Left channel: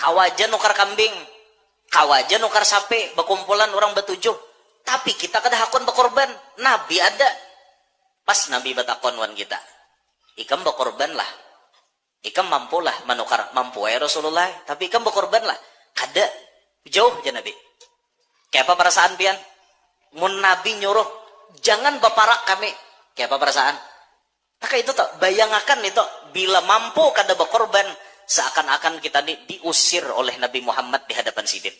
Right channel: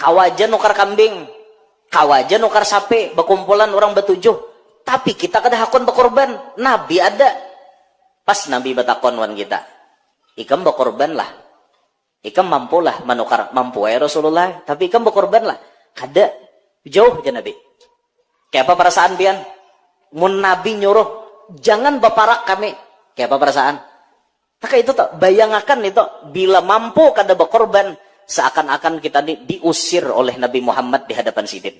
kawajan nukar kambing, kawajan nukar sapi, berkumpulan orang bertujuh. Tapi kita kada hakun berkorban. Nabi ada. Pas Nabi batakon wan kita. Ikam berkorban lah. Ikam mampu lah menukar. Mampu ya Rasulullah. Tapi ikam berkorban lah. Kada. Jauh aja Nabi. Kayak apa perasaan pian? Mun Nabi nyuruh. Jangan berparak kami. Kayak apa perasaan? Maka itu tak bayangakan itu. Bila mampu kada berkorban. Seakan-akan kita diusir oleh Nabi Muhammad di hadapan sidin.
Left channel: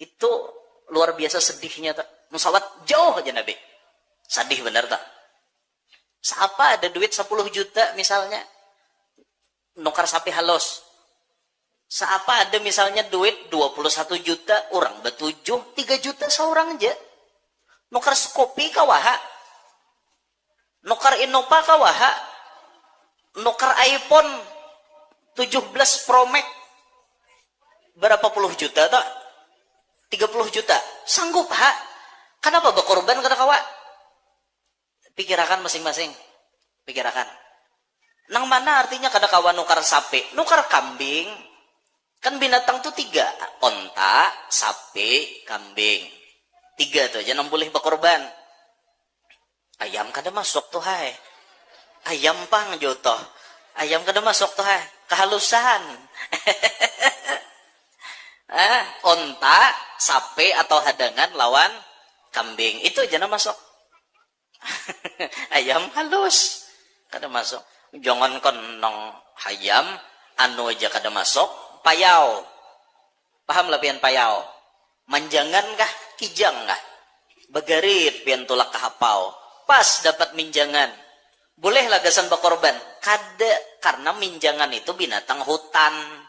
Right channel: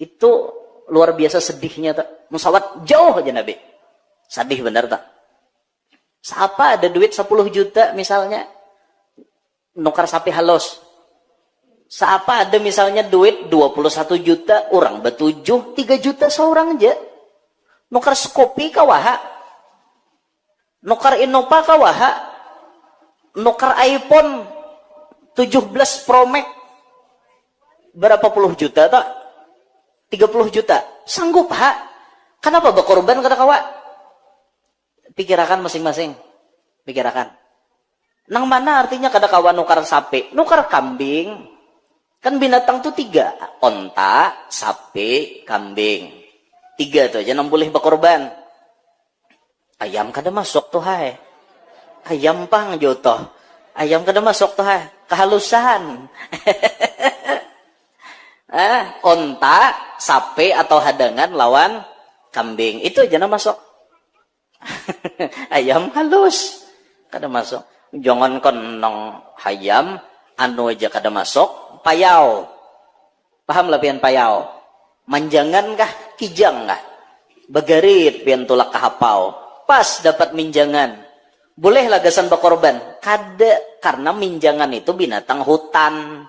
Itu luar biasa sedihnya tak. Musawat jauh aja Nabi. Sedih benar tak? Siapa ada duit 10 juta misalnya, nukar sapi halus. Siapa ada misalnya duit 21 juta, orang betujuh, 3 juta seorang aja. Nukar skopi kawaha. Nukar Innova kawaha. Nukar iPhone 17 Pro Max. Berapa puluh juta tak? 30 juta. Sanggup ha? Kenapa berkorban kada kawa? Pikirakan masing-masing. Pikirakan. Nang mana artinya kada kawa nukar sapi? Nukar kambing. Kan binatang tuh 3. Onta, sapi, kambing. 3 tuh aja nang boleh berkorban. Ayam kada masuk tuh hai. Ayam pang jotoh. Ayam kada masuk tuh hai. Kehalusan. Onta, sapi atau hadangan lawan kambing. Itu aja nang masuk. Ayam halus kada masuk. Jangan kon nong hayam anu aja kada masuk. Payau, paham lah pian payau? Manjangan kah kijang kah? Bagarit pian tulak kahapau. Pas dapat minjangan, boleh lagasan berkorban. Kada, karena minjangan itu binatang hutan,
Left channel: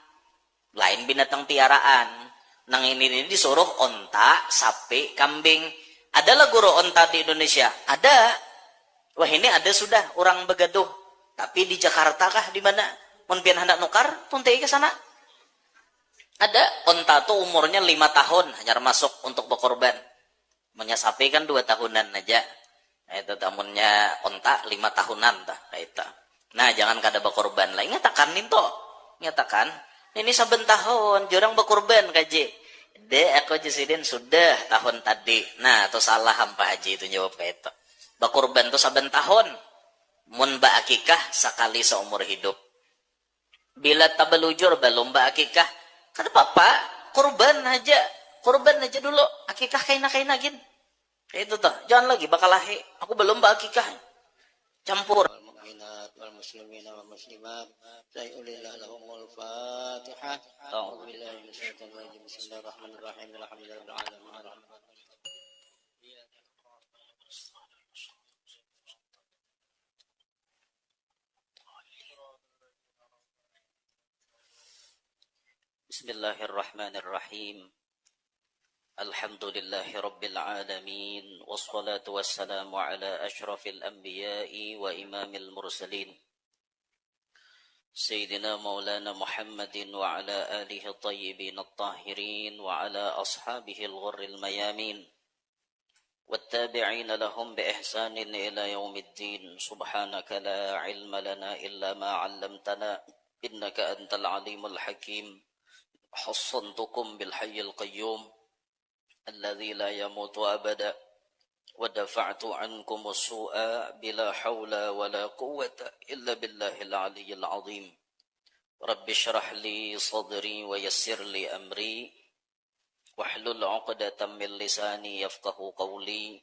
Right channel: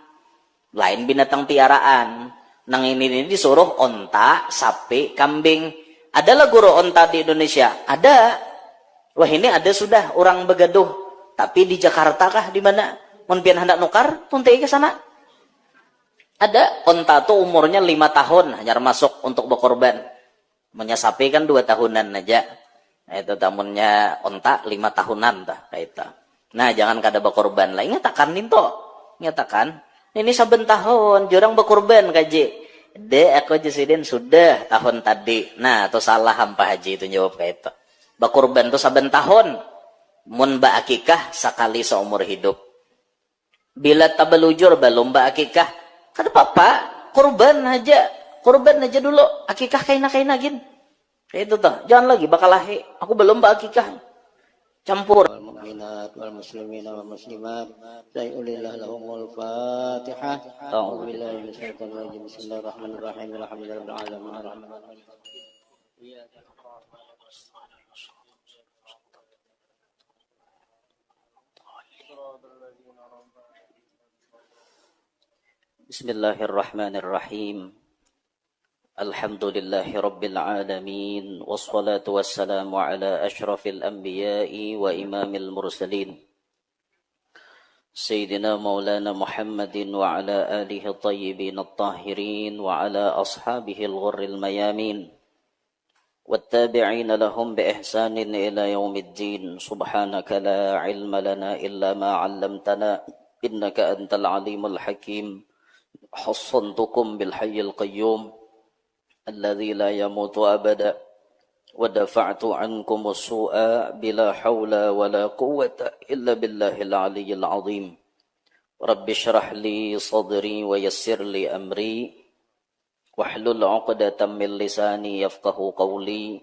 lain binatang piaraan. Nang ini disuruh onta, sapi, kambing. Adalah guru onta di Indonesia? Ada. Wah ini ada sudah orang begaduh. Tapi di Jakarta kah di mana? Mun pian hendak nukar, tuntai ke sana. Ada onta tuh umurnya 5 tahun hanya masuk untuk berkorban. Punya sapi kan 2 tahunan aja. Nah, itu tamunnya onta 5 tahunan tah kayak itu. Nah jangan kada berkorban lah. Ingatakan itu, ingatakan. Ini saben tahun jurang berkorban kaji. Aku jasidin sudah tahun tadi. Nah, itu salah hampa haji itu jawab kayak itu. Berkorban itu saben tahun. Mun ba akikah sekali seumur hidup. Bila tabelujur belum ba akikah, kada apa-apa, korban aja dulu. Akikah kaina-kaina gin. Kayak itu tuh. Jangan lagi bakal lahi. Aku belum ba akikah. Campur. المؤمنات والمسلمين والمسلمات سيؤلله لهم الفاتحة أعوذ بالله من الشيطان الرجيم بسم الله الرحمن الرحيم الحمد لله رب العالمين الرحمن الرحيم بسم الله الرحمن الرحيم الحمد لله رب العالمين والصلاة والسلام على أشرف الأنبياء وإمام المرسلين سيدنا مولانا محمد وعلى آله الطيبين الطاهرين وعلى أصحابه الغر الميامين والتابعين لهم بإحسان إلى يوم الدين سبحانك لا علم لنا إلا ما علمتنا إنك أنت العليم الحكيم حصنتكم بالحي القيوم الذي لا يموت أبدا ودفعت عنكم السوء بلا حول ولا قوة إلا بالله العلي العظيم رب اشرح لي صدري ويسر لي أمري واحلل عقدة من لساني يفقه قولي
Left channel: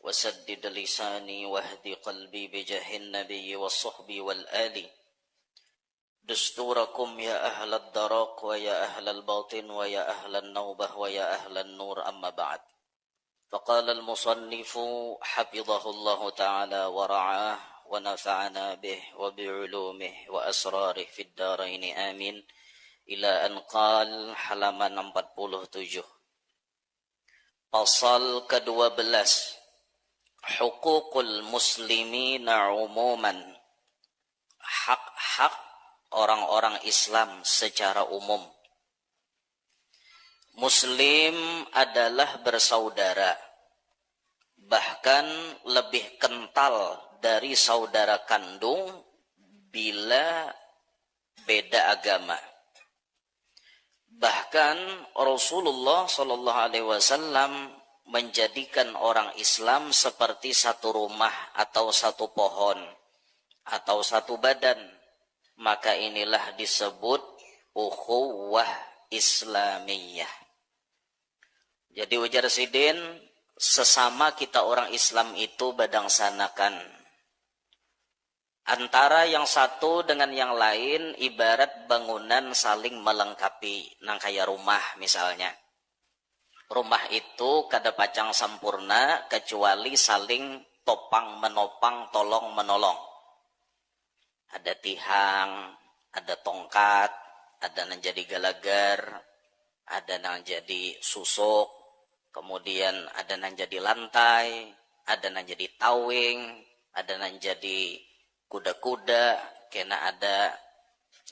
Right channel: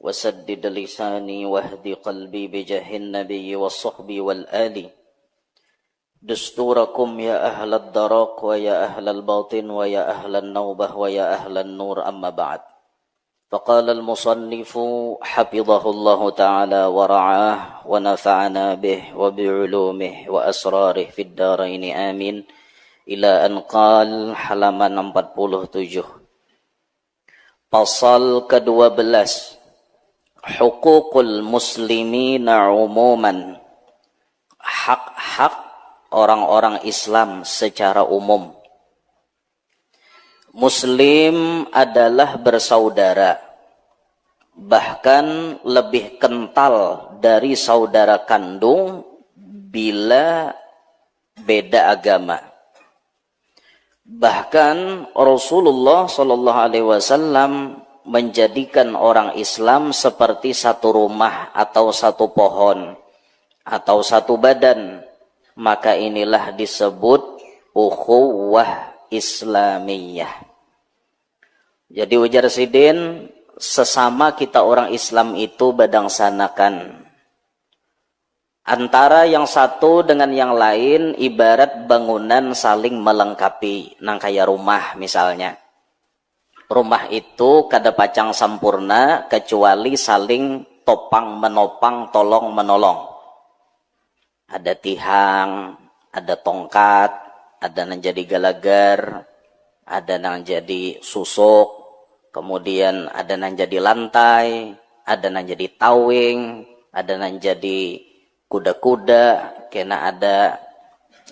وسدد لساني واهد قلبي بجاه النبي والصحب والآل دستوركم يا أهل الدرق ويا أهل الباطن ويا أهل النوبة ويا أهل النور أما بعد فقال المصنف حفظه الله تعالى ورعاه ونفعنا به وبعلومه وأسراره في الدارين آمين إلى أن قال halaman 47 pasal ke-12 Hukukul muslimina umuman hak-hak orang-orang Islam secara umum. Muslim adalah bersaudara, bahkan lebih kental dari saudara kandung bila beda agama. Bahkan Rasulullah Shallallahu Alaihi Wasallam menjadikan orang Islam seperti satu rumah atau satu pohon atau satu badan. Maka inilah disebut ukhuwah Islamiyah. Jadi ujar Sidin, sesama kita orang Islam itu badangsanakan. Antara yang satu dengan yang lain ibarat bangunan saling melengkapi. Nang kaya rumah misalnya. Rumah itu kada pacang sampurna kecuali saling topang menopang, tolong menolong. Ada tihang, ada tongkat, ada nang jadi galagar, ada nang jadi susuk, kemudian ada nang jadi lantai, ada nang jadi tawing, ada nang jadi kuda-kuda, kena ada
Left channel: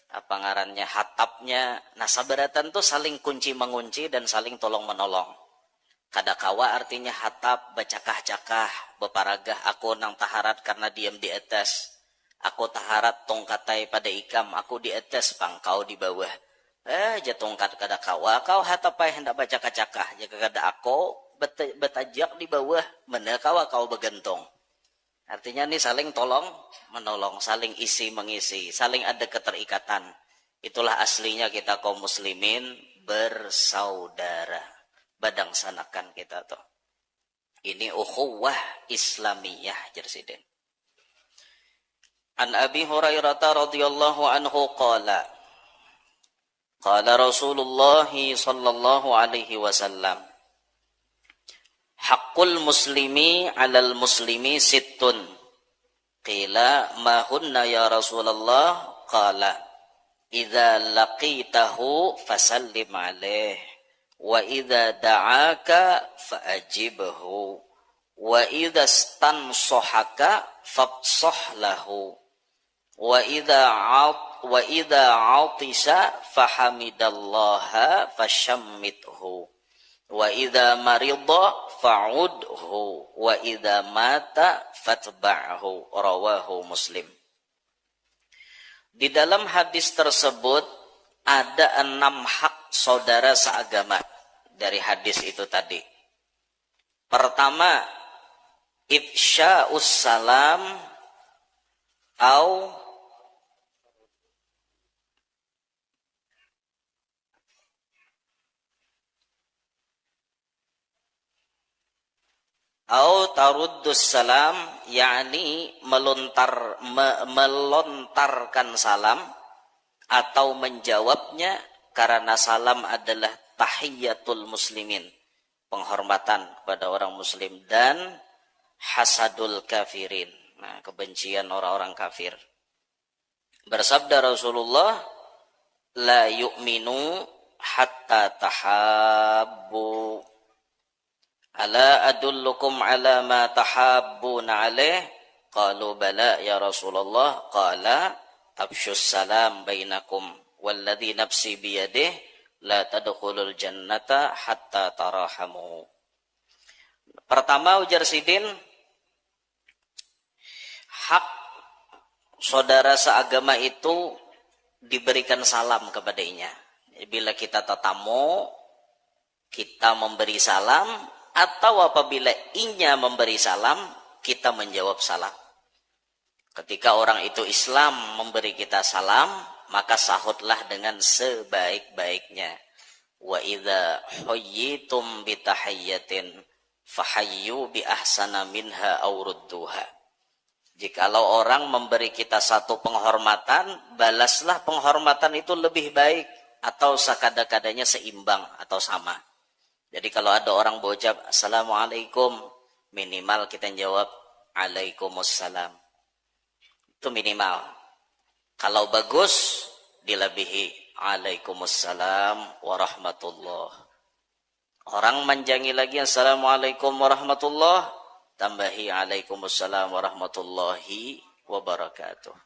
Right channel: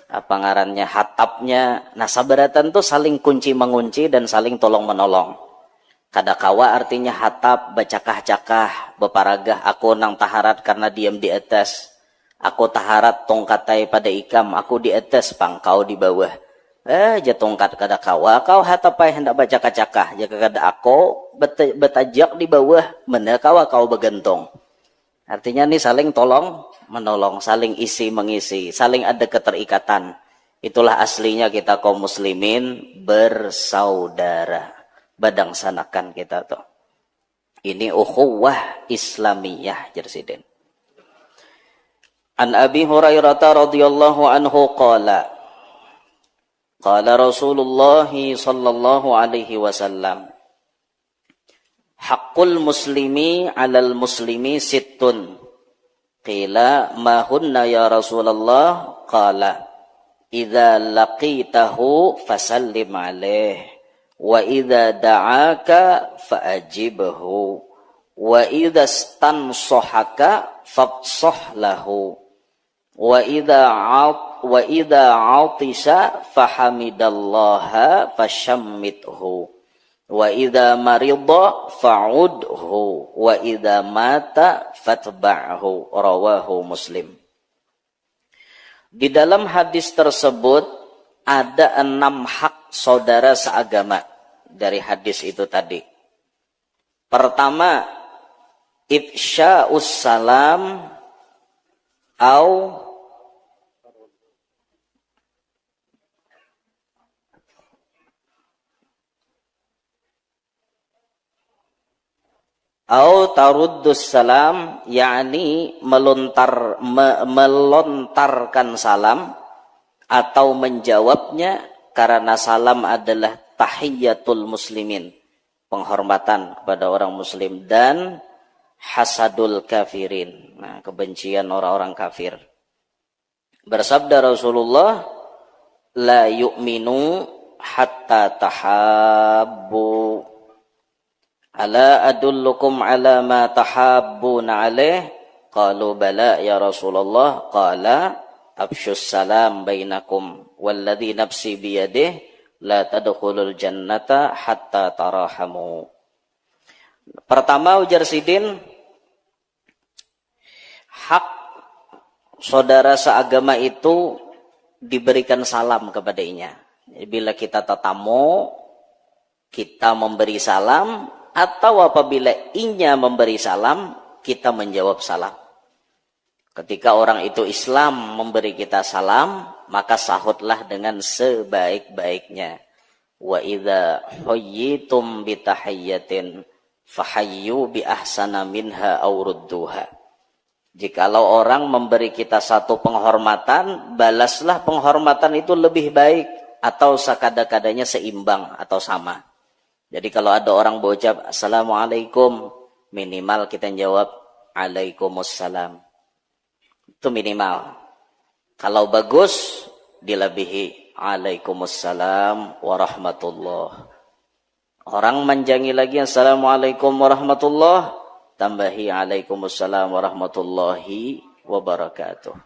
apa ngarannya hatapnya. Nah, sabaratan tuh saling kunci mengunci dan saling tolong menolong. Kadakawa artinya hatap bacakah-cakah beparagah aku nang taharat karena diam di atas. Aku taharat tongkatai pada ikam, aku di atas pangkau di bawah. Tongkat kadakawa kau hatapai hendak bacakah-cakah. Jika kada aku betajak di bawah, mana kau begentong. Artinya nih saling tolong menolong, saling isi mengisi, saling ada keterikatan. Itulah aslinya kita kaum muslimin bersaudara. Badangsanakan kita tuh. Ini ukhuwah Islamiyah jersiden. An Abi Hurairah radhiyallahu anhu qala Rasulullah sallallahu alaihi wasallam Haqqul muslimi 'alal muslimi sittun. Qila ma hunna ya Rasulullah? Qala idza laqitahu fasallim 'alaihi wa idza da'aka fa'ajibhu wa idza stansahaka fafsah lahu wa idza 'atisa fahamidallaha fashammithu wa idza marida fa'udhu wa idza mata fatba'hu. Rawahu Muslim. Di dalam hadis tersebut ada 6 hak saudara seagama dari hadis itu tadi. Pertama, ifsya'us salam au taruddus salam, yakni melontarkan salam atau menjawabnya, karena salam adalah tahiyyatul muslimin, penghormatan kepada orang muslim, dan hasadul kafirin, nah, kebencian orang-orang kafir. Bersabda Rasulullah, la yu'minu hatta tahabbu. Ala adullukum ala ma tahabbuna alaih? Qalu bala ya Rasulullah. Qala absyus salam bainakum walladhi nafsi biyadih la tadkhulul jannata hatta tarahamu. Pertama ujar Sidin, hak saudara seagama itu diberikan salam kepadanya. Bila kita tetamu, kita memberi salam, atau apabila inya memberi salam, kita menjawab salam. Ketika orang itu Islam memberi kita salam, maka sahutlah dengan sebaik-baiknya. Wa idza huyyitum bi tahiyyatin fahayyu bi ahsana minha aw rudduha. Jikalau orang memberi kita satu penghormatan, balaslah penghormatan itu lebih baik atau sekada-kadanya seimbang atau sama. Jadi kalau ada orang berucap assalamualaikum, minimal kita jawab alaikumussalam. Itu minimal. Kalau bagus, dilebihi alaikumussalam warahmatullah. Orang manjangi lagi assalamualaikum warahmatullah, tambahi alaikumussalam warahmatullahi wabarakatuh.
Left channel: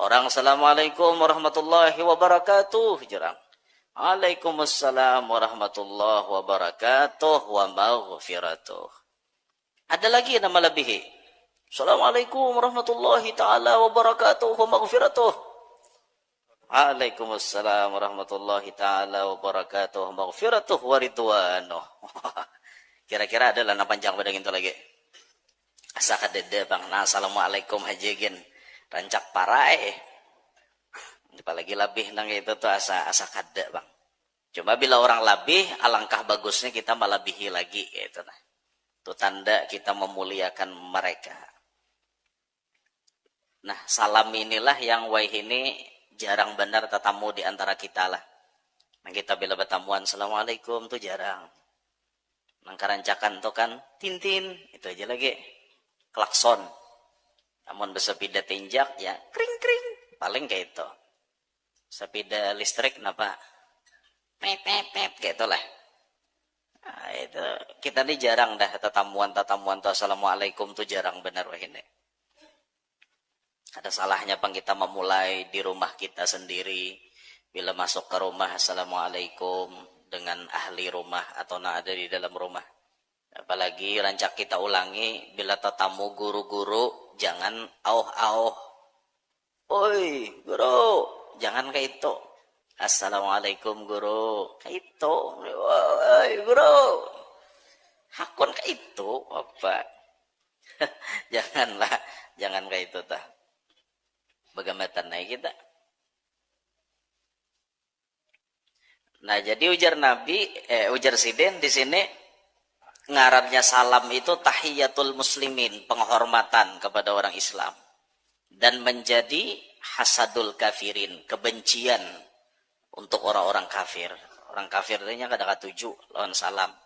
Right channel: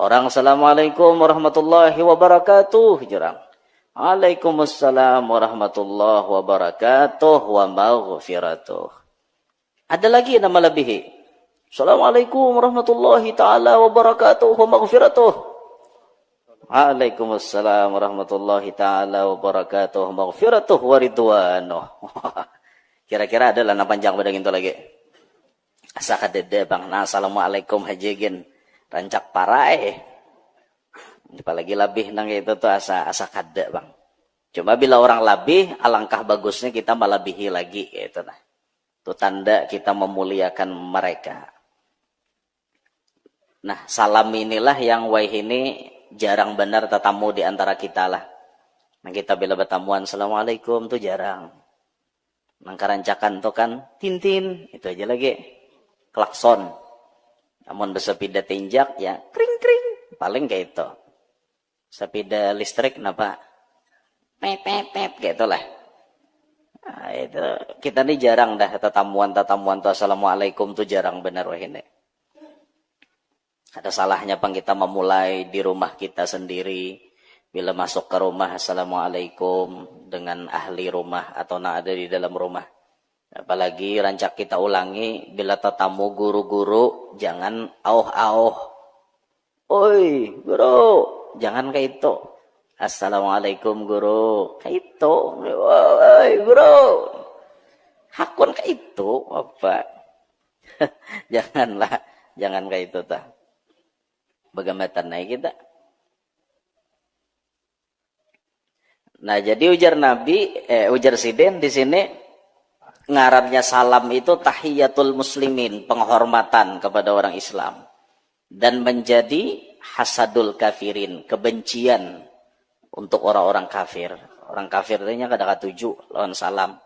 Orang assalamualaikum warahmatullahi wabarakatuh, jarang. Waalaikumsalam warahmatullahi wabarakatuh wa maghfiratuh. Ada lagi yang melebihi. Assalamualaikum warahmatullahi ta'ala wabarakatuh wa maghfiratuh. Waalaikumsalam warahmatullahi taala wabarakatuh. Maghfiratuh wa ridwanuh. Kira-kira ada lah panjang pada gitu lagi. Asa kadede bang. Nah, assalamualaikum hajigin. Rancak parai. Apalagi labih nang itu tuh asa kada bang. Cuma bila orang labih, alangkah bagusnya kita melebihi lagi gitu nah. Itu tanda kita memuliakan mereka. Nah, salam inilah yang ini jarang benar tetamu di antara kita lah. Nah, kita bila bertamuan, assalamualaikum tuh jarang. Nang karancakan tuh kan, tintin, itu aja lagi. Klakson. Namun bersepeda tinjak, ya kring-kring. Paling kayak itu. Sepeda listrik, kenapa? Pet, kayak itulah. Nah, itu kita nih jarang dah tetamuan tuh assalamualaikum tuh jarang benar wah ini. Ada salahnya pang kita memulai di rumah kita sendiri. Bila masuk ke rumah, assalamualaikum dengan ahli rumah atau yang ada di dalam rumah. Apalagi rancak kita ulangi, bila tetamu guru-guru, jangan auh-auh. Oi, guru, jangan kayak itu. Assalamualaikum guru, kayak itu. Oi, guru. Hakun kayak itu, apa? Janganlah, jangan kayak itu tah. Bagaimana naik kita? Nah, jadi ujar Sidin di sini ngarannya salam itu tahiyatul muslimin, penghormatan kepada orang Islam, dan menjadi hasadul kafirin, kebencian untuk orang-orang kafir. Orang kafir ini kadang-kadang tuju lawan salam.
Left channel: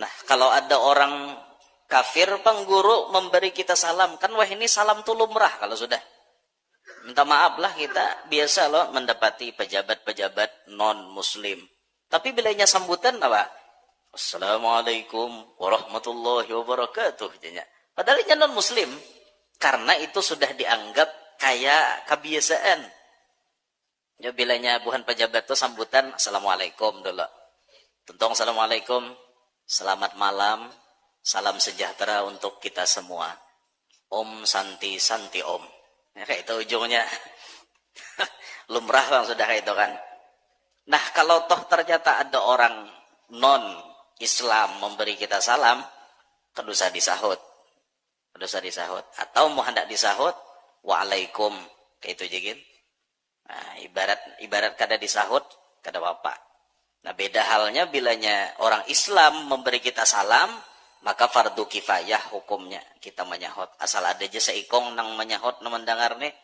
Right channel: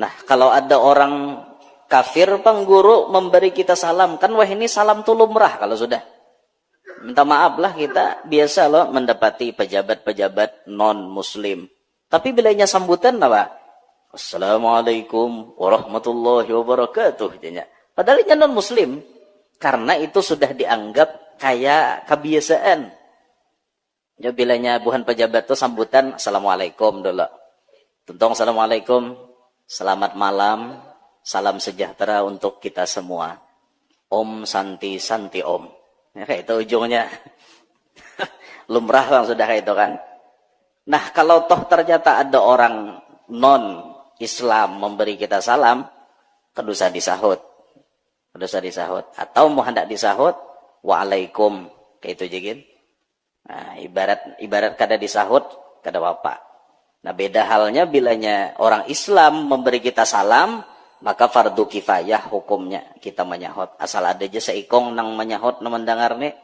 Nah, kalau ada orang kafir pengguru memberi kita salam, kan wah ini salam tuh lumrah kalau sudah. Minta maaf lah kita biasa loh mendapati pejabat-pejabat non-muslim. Tapi bilanya sambutan apa? Assalamualaikum warahmatullahi wabarakatuh. Padahal ini non-muslim. Karena itu sudah dianggap kayak kebiasaan. Jadi bilanya buhan pejabat itu sambutan Assalamualaikum dulu. Tentang Assalamualaikum. Selamat malam. Salam sejahtera untuk kita semua. Om Santi Santi Om. Ya, kayak itu ujungnya. Lumrah bang sudah kayak itu kan. Nah, kalau toh ternyata ada orang non-Islam memberi kita salam, kedusa disahut. Atau mau hendak disahut, waalaikum. Kayak itu jegin. Nah, ibarat kada disahut, kada apa. Nah, beda halnya bilanya orang Islam memberi kita salam, maka fardu kifayah hukumnya kita menyahut. Asal ada aja seikong nang menyahut nang mendengar nih,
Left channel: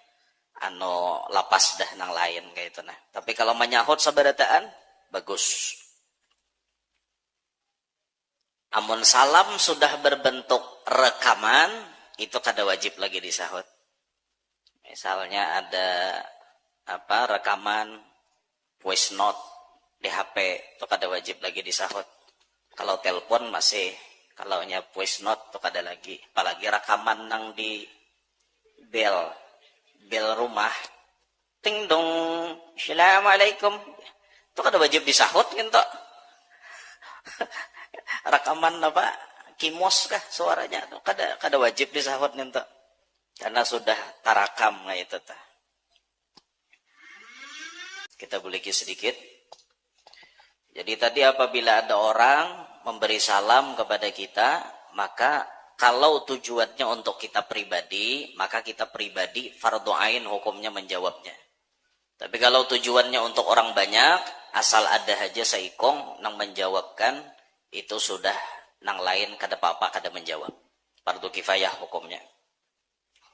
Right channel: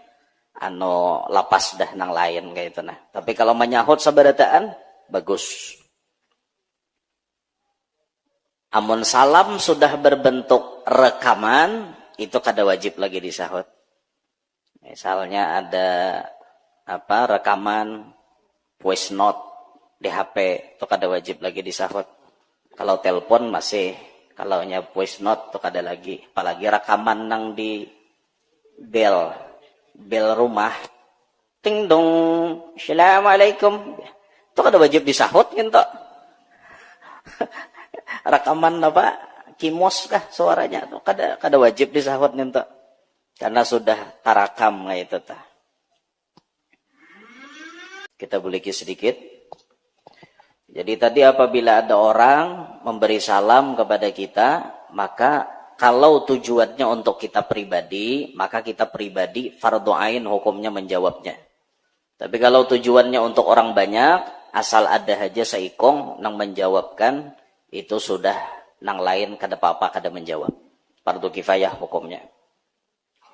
lapas dah nang lain kayak itu nah. Tapi kalau menyahut sabarataan bagus. Amun salam sudah berbentuk rekaman, itu kada wajib lagi disahut. Misalnya ada rekaman voice note di HP, itu kada wajib lagi disahut. Kalau telepon masih. Kalau nya voice note tuh kada lagi. Apalagi rekaman nang di bel rumah. Ting dong, assalamualaikum. Itu kada wajib disahut gitu. Rekaman kimos kah suaranya tuh kada wajib disahut gitu. Karena sudah tarakam itu tah. Kita buliki sedikit. Jadi tadi apabila ada orang memberi salam kepada kita, maka kalau tujuannya untuk kita pribadi, maka kita pribadi fardu ain hukumnya menjawabnya. Tapi kalau tujuannya untuk orang banyak, asal ada aja seikong nang menjawabkan, itu sudah nang lain kada apa-apa kada menjawab. Fardu kifayah hukumnya.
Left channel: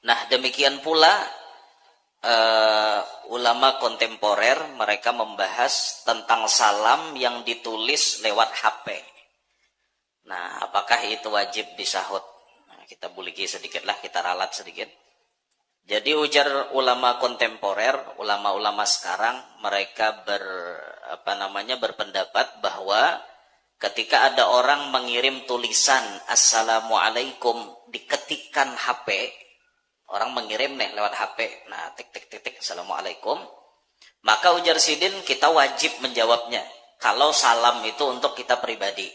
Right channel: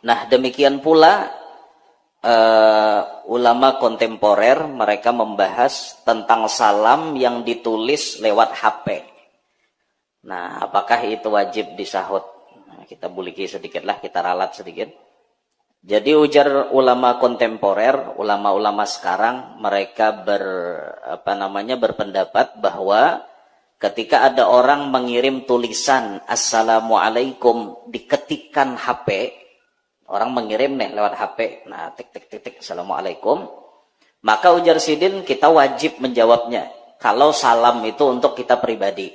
Nah, demikian pula ulama kontemporer mereka membahas tentang salam yang ditulis lewat HP. Nah, apakah itu wajib disahut? Nah, kita buliki sedikit lah, kita ralat sedikit. Jadi ujar ulama kontemporer, ulama-ulama sekarang mereka berpendapat bahwa ketika ada orang mengirim tulisan Assalamualaikum diketikkan HP, orang mengirim nih lewat HP, nah tik Assalamualaikum, maka ujar Sidin kita wajib menjawabnya. Kalau salam itu untuk kita pribadi,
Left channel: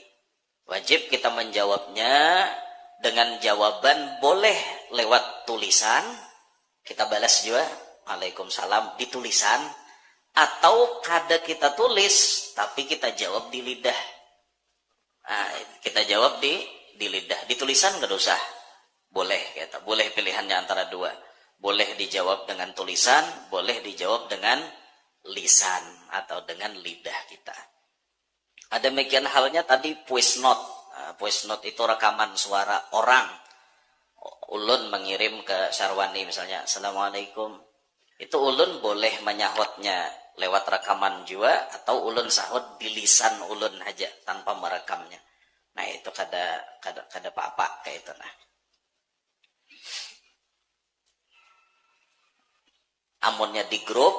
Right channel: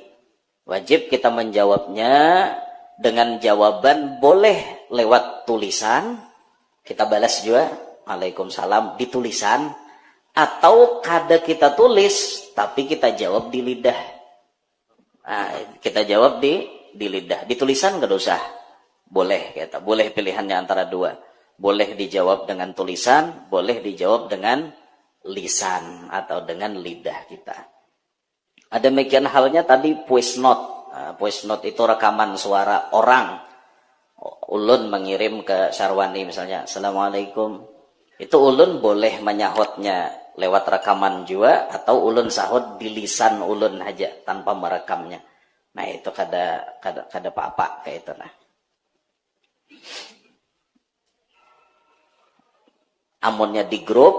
wajib kita menjawabnya dengan jawaban boleh lewat tulisan, kita balas juga Waalaikumsalam di tulisan, Atau kada kita tulis tapi kita jawab di lidah. Nah, kita jawab di lidah. Di tulisan gak usah. Boleh kita. Boleh pilihannya antara dua. Boleh dijawab dengan tulisan, boleh dijawab dengan lisan atau dengan lidah kita. Ada demikian halnya tadi voice note. Nah, voice note itu rekaman suara orang. Ulun mengirim ke Syarwani misalnya, Assalamualaikum. Itu ulun boleh menyahutnya lewat rekaman juga, atau ulun sahut di lisan ulun aja tanpa merekamnya. Nah itu kada apa-apa kayak itu nah. Amunnya di grup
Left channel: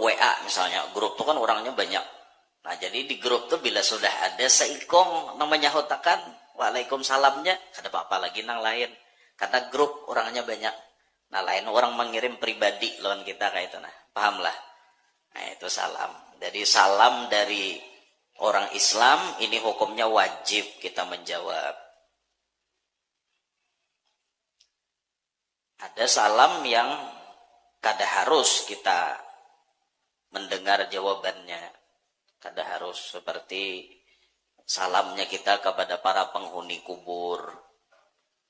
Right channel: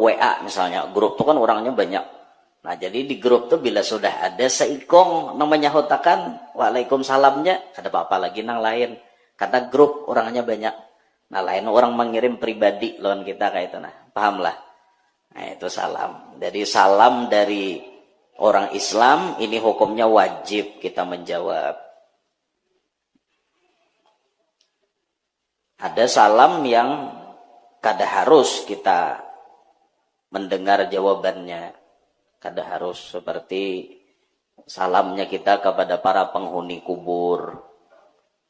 WA misalnya, grup itu kan orangnya banyak. Nah jadi di grup tuh bila sudah ada seikong namanya hotakan waalaikumsalamnya, kada apa-apa lagi nang lain. Karena grup orangnya banyak. Nah lain orang mengirim pribadi lawan kita kayak itu nah. Pahamlah. Nah itu salam. Jadi salam dari orang Islam ini hukumnya wajib kita menjawab. Ada salam yang kada harus kita mendengar jawabannya. Kada harus, seperti salamnya kita kepada para penghuni kubur.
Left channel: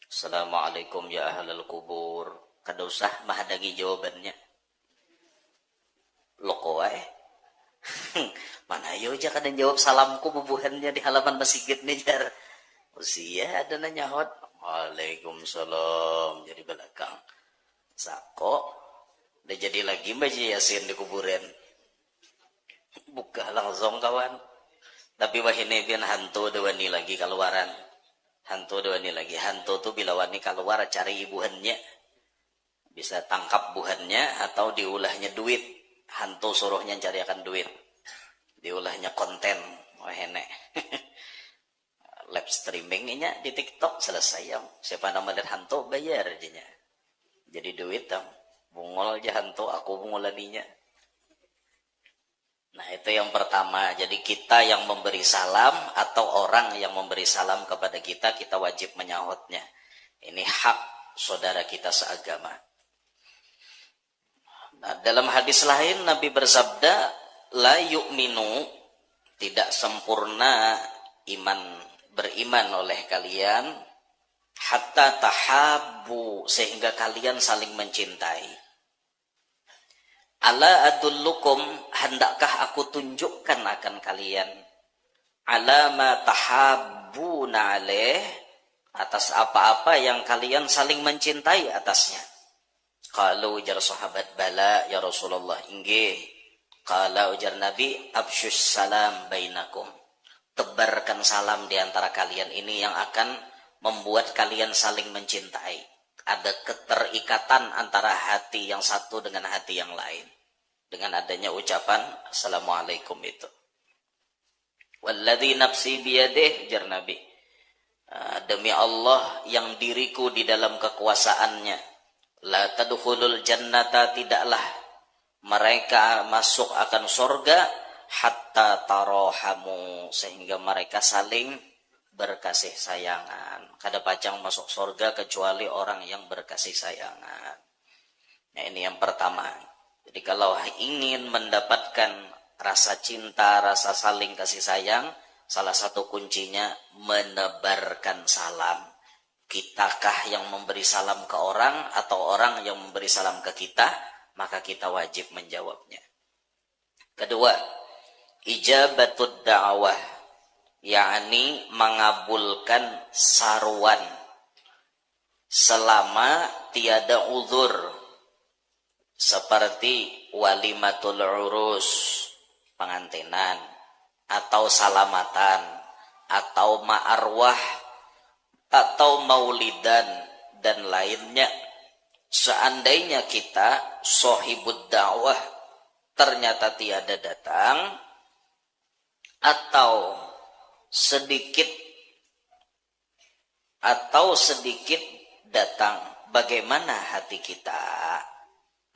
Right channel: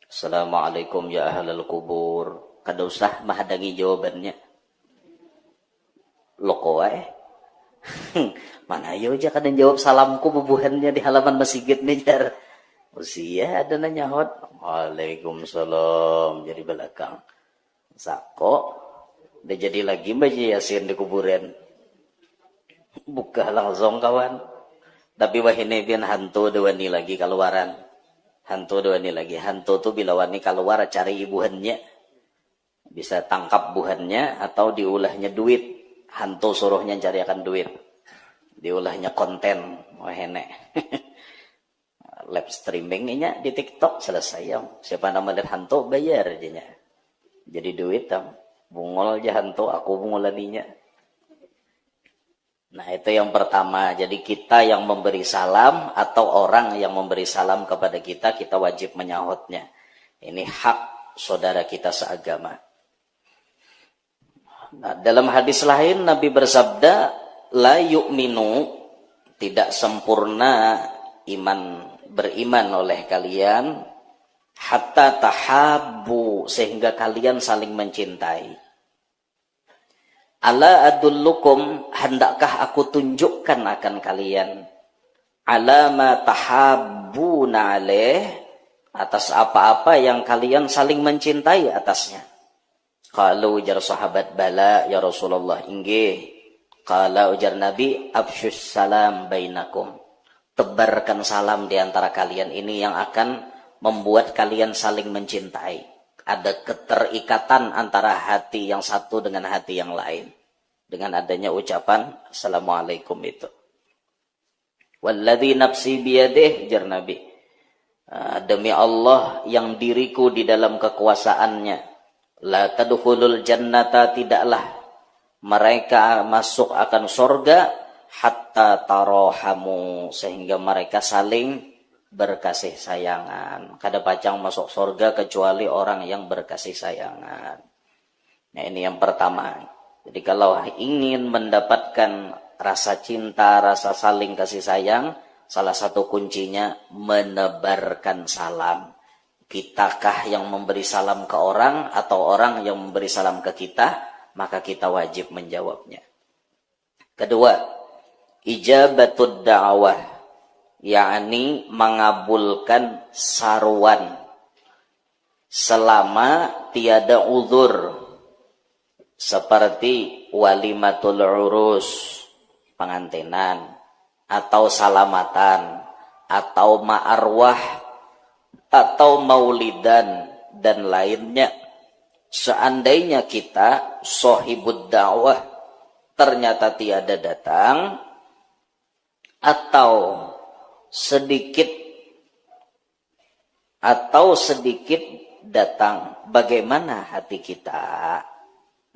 Assalamualaikum ya ahlal kubur. Kada usah menghadangi jawabannya. Loko wae. Mana ayo aja kada jawab salamku bubuhannya di halaman masjid nih jar. Usia ada nanya hot. Waalaikumsalam jadi belakang. Sako udah jadi lagi baca Yasin di kuburan. Buka langsung kawan. Tapi wahine bian hantu dewani lagi keluaran. Hantu dewani lagi. Hantu tuh bila wani keluar cari ibuhannya. Bisa tangkap buhannya atau diulahnya duit. Hantu suruhnya cari akan duit. Diulahnya konten. Wahine. Live streamingnya di TikTok selesai. Siapa nama lihat hantu bayar aja. Jadi duit bungol aja hantu, aku bungolaninya. Nah itu yang pertama. Jadi kita yang memberi salam atau orang yang memberi salam kepada kita, kita wajib menyahutnya. Ini hak saudara kita seagama. Nah, dalam hadis lain Nabi bersabda, la yu'minu, tidak sempurna beriman oleh kalian, hatta tahabbu, sehingga kalian saling mencintai. Ala adullukum, hendakkah aku tunjukkan akan kalian, ala ma tahabbuna alaih, atas apa-apa yang kalian saling mencintai atasnya. Qalu ujar sahabat, bala ya Rasulullah, inggih. Qala ujar Nabi, absyus salam bainakum, tebarkan salam di antara kalian, ini yang akan membuat kalian saling mencintai. Ada keterikatan antara hati yang satu dengan hati yang lain dengan adanya ucapan Assalamualaikum itu. Walladzi nafsi biyadih, jar Nabi, demi Allah yang diriku di dalam kekuasaannya, la tadkhulul jannata, tidaklah mereka masuk akan surga, hatta tarohamu, sehingga mereka saling berkasih sayangan. Kada pacang masuk surga kecuali orang yang berkasih sayangan. Nah ini yang pertama. Jadi kalau ingin mendapatkan rasa cinta, rasa saling kasih sayang, salah satu kuncinya menebarkan salam. Kitakah yang memberi salam ke orang atau orang yang memberi salam ke kita, maka kita wajib menjawabnya. Kedua, ijabatud da'wah, yakni mengabulkan saruan selama tiada uzur, seperti walimatul urus, pengantinan, atau salamatan, atau ma'arwah, atau maulidan, dan lainnya. Seandainya kita sohibud dakwah ternyata tiada datang, atau sedikit datang, bagaimana hati kita?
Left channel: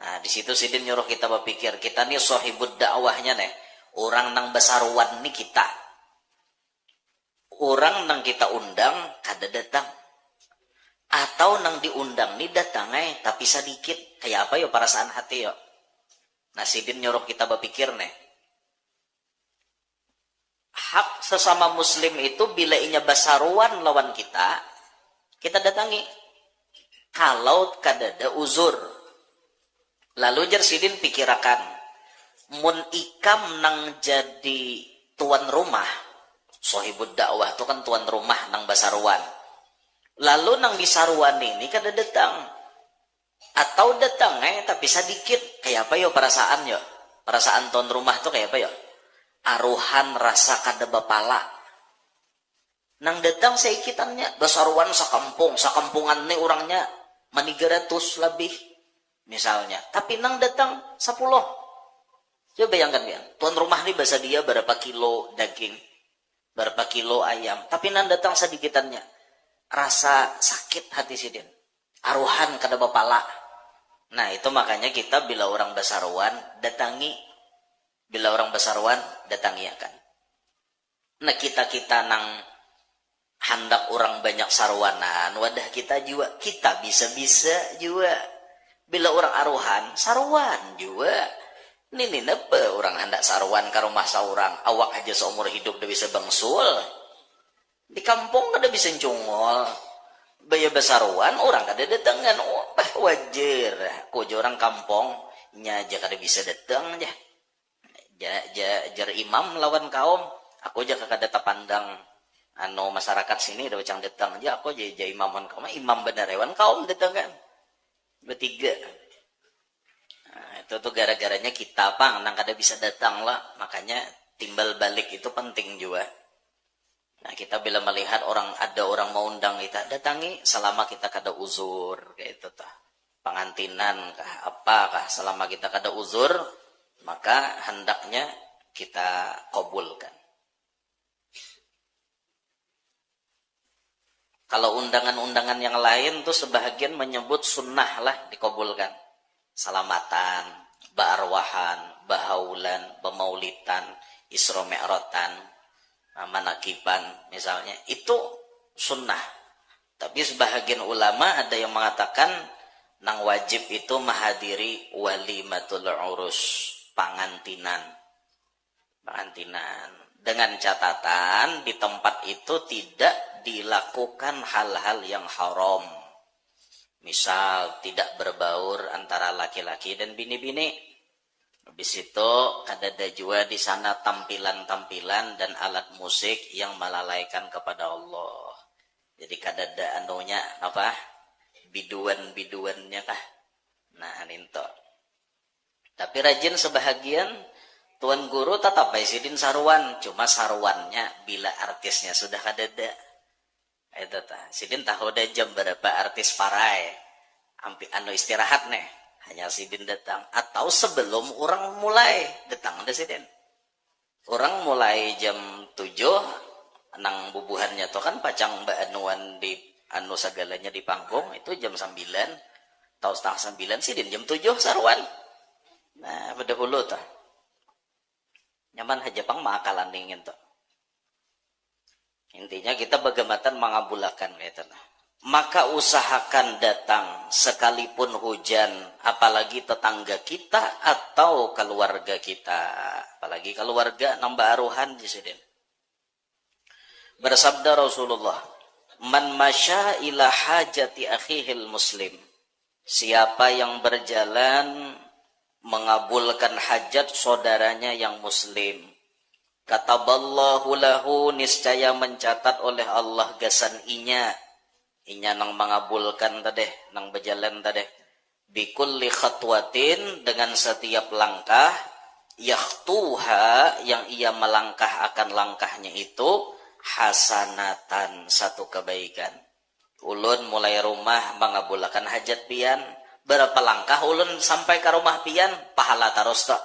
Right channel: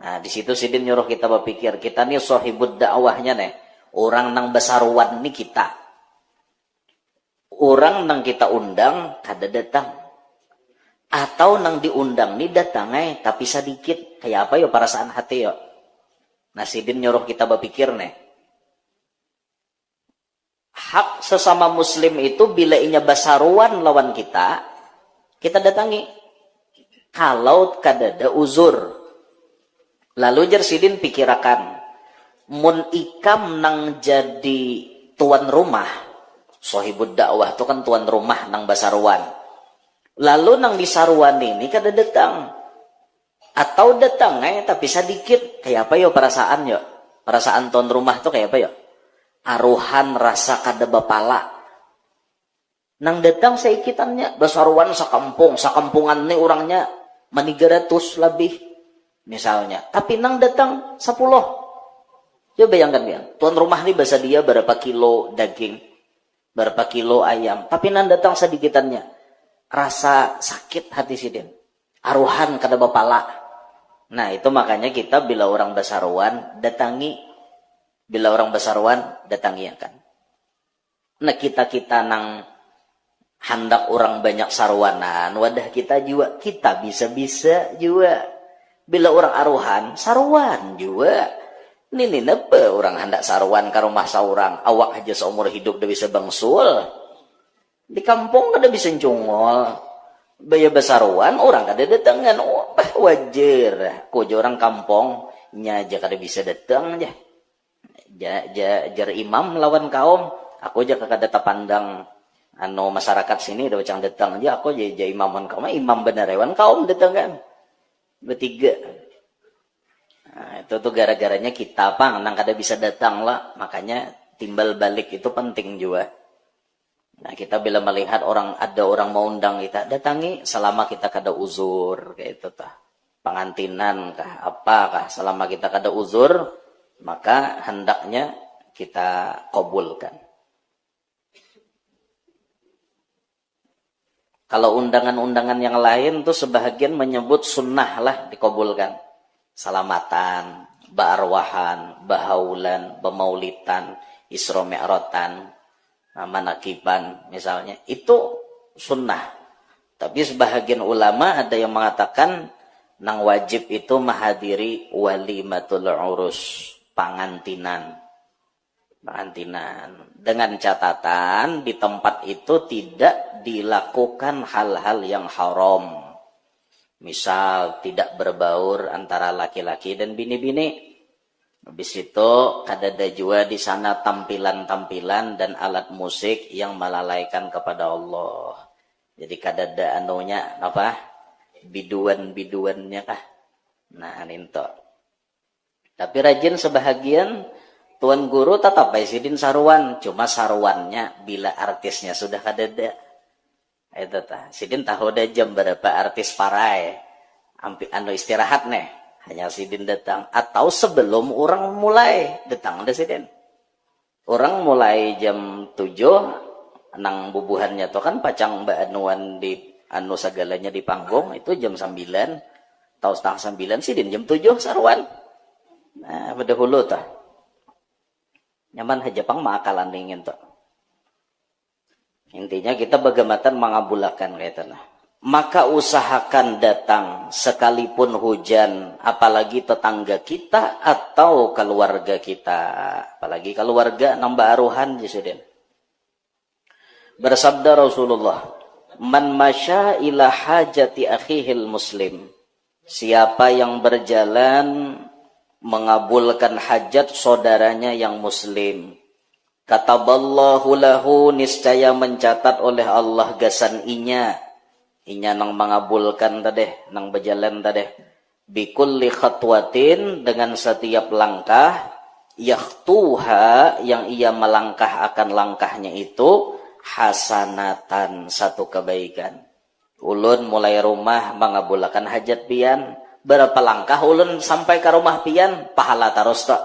Nah di situ sidin nyuruh kita berpikir, kita nih sohibud dakwahnya nih, orang nang besaruan nih kita, orang nang kita undang kada datang, atau nang diundang nih datang tapi sedikit, kayak apa yo perasaan hati yo? Nah sidin nyuruh kita berpikir nih. Hak sesama muslim itu bila inya basaruan lawan kita datangi. Kalau kadada uzur. Lalu jar sidin pikirakan. Mun ikam nang jadi tuan rumah. Sohibud dakwah itu kan tuan rumah nang basaruan. Lalu nang disaruan ini kada datang. Atau datang tapi sedikit. Kayak apa yo perasaan yo? Perasaan tuan rumah tuh kayak apa yo? Aruhan rasa kada bapala. Nang datang seikitannya. Basaruan sakampungan nih orangnya manigaratus lebih. Misalnya. Tapi nang datang 10. Coba bayangkan ya. Tuan rumah nih bahasa dia berapa kilo daging. Berapa kilo ayam. Tapi nang datang sedikitannya. Rasa sakit hati sidin. Aruhan kada bapala. Nah itu makanya kita bila orang basaruan datangi. Bila orang basaruan datangi akan. Nah kita nang hendak orang banyak sarwanan. Wadah kita juga. Kita bisa-bisa juga. Bila orang aruhan sarwan juga. Ini apa orang hendak sarwan ke rumah seorang. Awak aja seumur hidup udah bisa bangsul. Di kampung kada bisa cungol. Baya basaruan orang kada datangan. Oh, wajar. Ko orang kampung nya aja kada bisa datang aja. Jar imam lawan kaum. Aku aja kada tapandang masyarakat sini udah cang datang aja. Aku aja imaman kaum. Imam bener hewan kaum datang kan. Bertiga. Nah, itu tuh gara-garanya kita nang kada bisa datang lah. Makanya timbal balik itu penting juga. Nah kita bila melihat ada orang mau undang kita datangi selama kita kada uzur kayak itu tah pengantinan kah apakah selama kita kada uzur maka hendaknya kita kabulkan. Kalau undangan-undangan yang lain tuh sebahagian menyebut sunnah lah dikabulkan. Salamatan, ba'arwahan, bahaulan, bemaulitan, isra mi'ratan, manakiban misalnya itu sunnah. Tapi sebahagian ulama ada yang mengatakan nang wajib itu menghadiri walimatul urus, pengantinan dengan catatan di tempat itu tidak dilakukan hal-hal yang haram. Misal tidak berbaur antara laki-laki dan bini-bini. Habis itu kadada juga di sana tampilan-tampilan dan alat musik yang melalaikan kepada Allah. Jadi kadada apa? Biduan-biduannya kah? Nah, ninto. Tapi rajin sebahagian tuan guru tetap sidin saruan, cuma saruannya bila artisnya sudah kadada. Itu tah. Sidin tahu dah jam berapa artis parai. Istirahat nih. Hanya sidin datang. Atau sebelum orang mulai datang ada sidin. Orang mulai jam 7. Nang bubuhannya tuh kan pacang baanuan di segalanya di panggung. Itu jam 9. Atau setengah 9 sidin jam 7 sarwan. Nah pada hulu tuh. Nyaman aja pang maakalan dingin tuh. Intinya kita bagamatan mengabulakan kayak lah. Maka usahakan datang sekalipun hujan, apalagi tetangga kita atau keluarga kita, apalagi keluarga nambah aruhan jisudin. Bersabda Rasulullah, "Man masya ila hajati akhihil muslim." Siapa yang berjalan mengabulkan hajat saudaranya yang muslim, kataballahu lahu, niscaya mencatat oleh Allah gasan inya nang mengabulkan tadeh, nang berjalan tadeh, bikulli khatwatin, dengan setiap langkah, yakhtuha, yang ia melangkah akan langkahnya itu, hasanatan, satu kebaikan. Ulun mulai rumah mengabulkan hajat pian, berapa langkah ulun sampai ke rumah pian, pahala terus tak.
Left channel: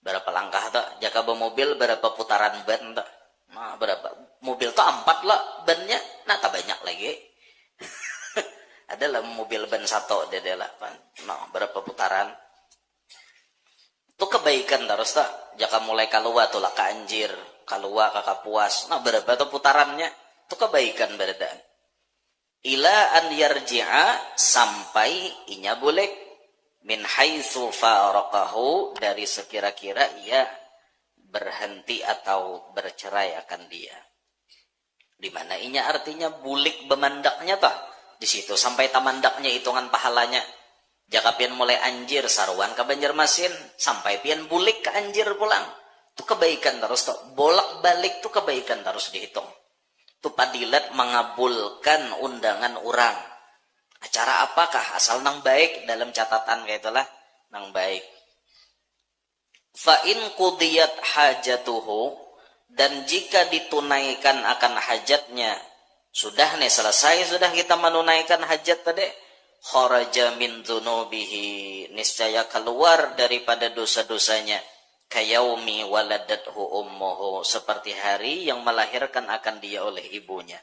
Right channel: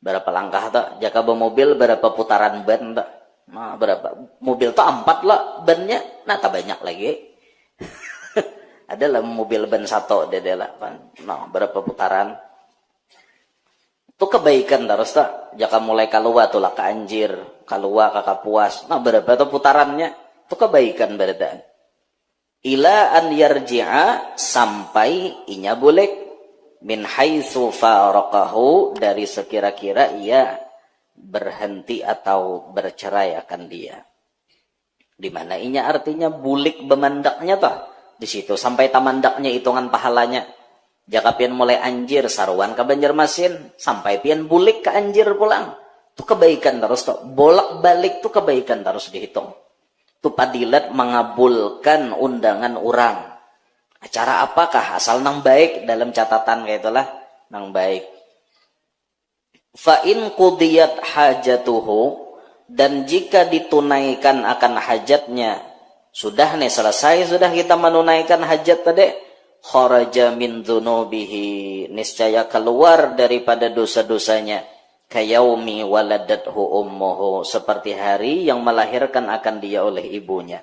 Berapa langkah tak? Jika bermobil berapa putaran ban tak? Nah, berapa? Mobil tak 4 lah bannya, nah tak banyak lagi. Adalah mobil ban 1 adalah nah, berapa putaran? Itu kebaikan terus tak? Jika mulai keluar tuh lah ke Anjir, keluar ke Kapuas, nah berapa tuh putarannya? Itu kebaikan berarti. Ila an yarji'a, sampai inya boleh min haitsu faraqahu, dari sekira-kira ia berhenti atau bercerai akan dia. Di mana inya artinya bulik bemandaknya toh. Di situ sampai tamandaknya hitungan pahalanya. Jaka pian mulai anjir saruan ke Banjarmasin sampai pian bulik ke anjir pulang. Itu kebaikan terus toh. Bolak-balik tuh kebaikan terus dihitung. Itu padilat mengabulkan undangan orang. Acara apakah? Asal nang baik, dalam catatan kayak itulah nang baik. Fa in qudiyat hajatuhu, dan jika ditunaikan akan hajatnya, sudah nih selesai, sudah kita menunaikan hajat tadi, kharaja min dzunubihi, niscaya keluar daripada dosa-dosanya, kayaumi waladathu ummuhu, seperti hari yang melahirkan akan dia oleh ibunya.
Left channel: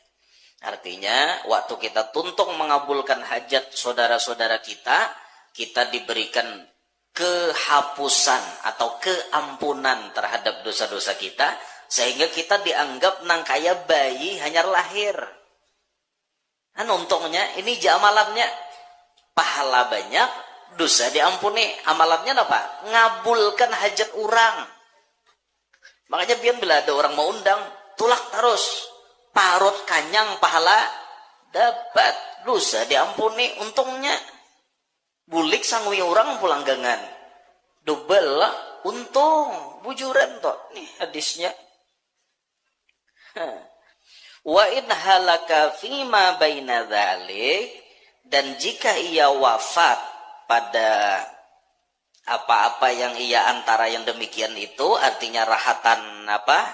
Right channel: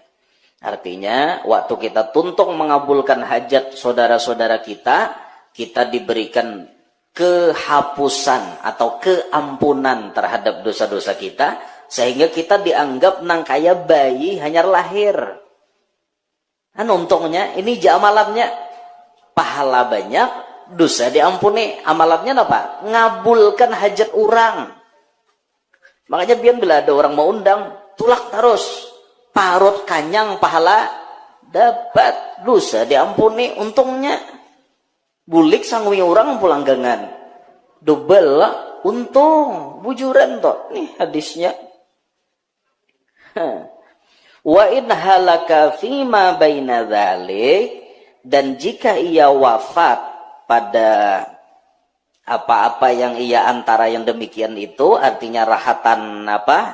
Artinya waktu kita tuntung mengabulkan hajat saudara-saudara kita, kita diberikan kehapusan atau keampunan terhadap dosa-dosa kita, sehingga kita dianggap nang kaya bayi hanya lahir. Untungnya ini amalannya pahala banyak, dosa diampuni. Amalannya apa? Ngabulkan hajat orang. Makanya biar bila ada orang mau undang, tulak terus, parut kanyang pahala dapat, dosa diampuni. Untungnya bulik sangwi orang pulang gangan, double lah untung, bujuran toh. Nih hadisnya. Wa in halaka fima baina dzalik, dan jika ia wafat pada apa-apa yang ia antara yang demikian itu, artinya rahatan apa?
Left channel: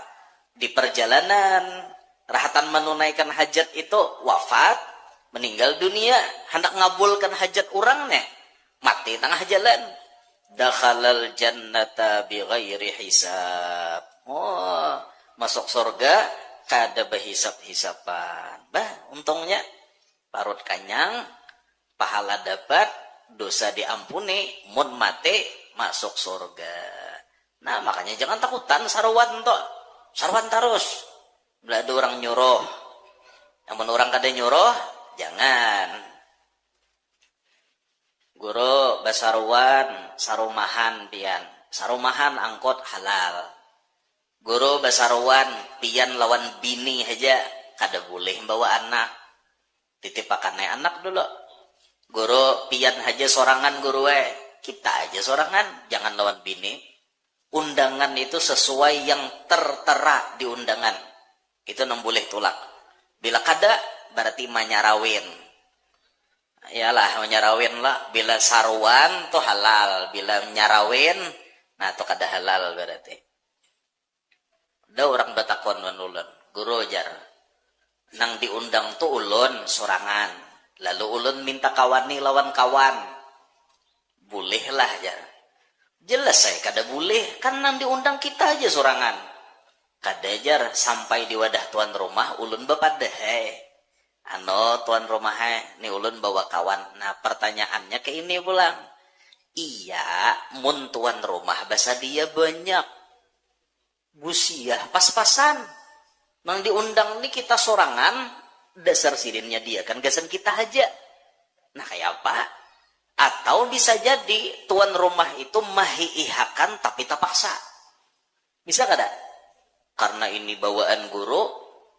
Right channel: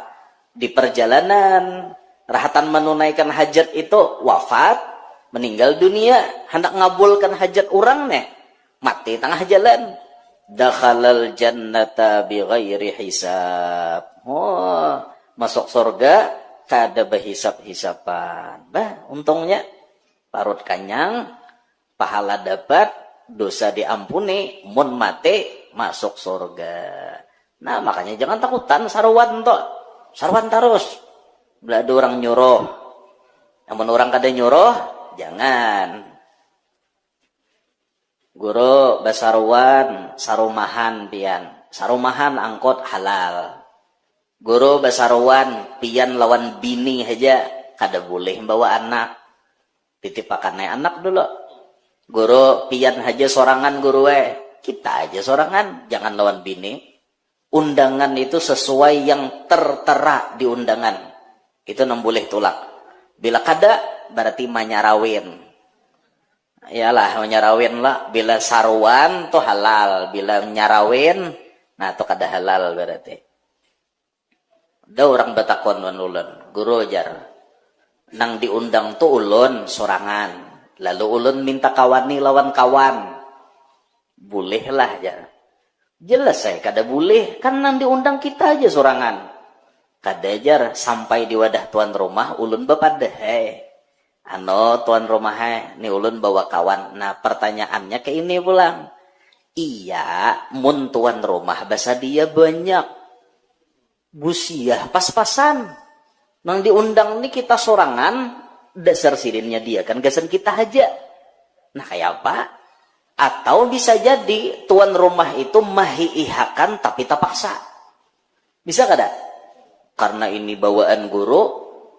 Di perjalanan, rahatan menunaikan hajat itu wafat, meninggal dunia, hendak ngabulkan hajat orang nih, mati tengah jalan, dakhalal jannata bighairi hisab. Oh, masuk surga kada berhisap-hisapan. Bah, untungnya parut kanyang, pahala dapat, dosa diampuni, mun mati masuk surga. Nah, makanya jangan takutan sarwan toh. Sarwan terus. Bila ada orang nyuruh. Namun orang kada nyuruh, jangan. Guru basarwan sarumahan pian. Sarumahan angkot halal. Guru basarwan pian lawan bini aja kada boleh bawa anak. Titipakannya anak dulu. Guru pian aja sorangan guru kita aja sorangan, jangan lawan bini. Undangan itu sesuai yang tertera di undangan. Itu nem boleh tulak. Bila kada berarti manyarawin. Iyalah manyarawin lah. Bila saruan tuh halal, bila nyarawin nah tuh kada halal berarti. Ada orang batakon ulun, guru jar. Nang diundang tuh ulun sorangan. Lalu ulun minta kawani lawan kawan. Bolehlah jar. Jelas saya kada boleh, kan nang diundang kita aja sorangan. Kada jar sampai di wadah tuan rumah ulun bapadah. Tuan rumah ni ulun bawa kawan. Nah pertanyaannya ke ini pulang. Iya, mun tuan rumah bahasa dia banyak. Busiah pas-pasan. Nang diundang nih kita sorangan, dasar sirinnya dia kan gasan kita aja. Nah kayak apa? Atau bisa jadi tuan rumah itu mahiihakan tapi terpaksa. Bisa kada? Karena ini bawaan guru,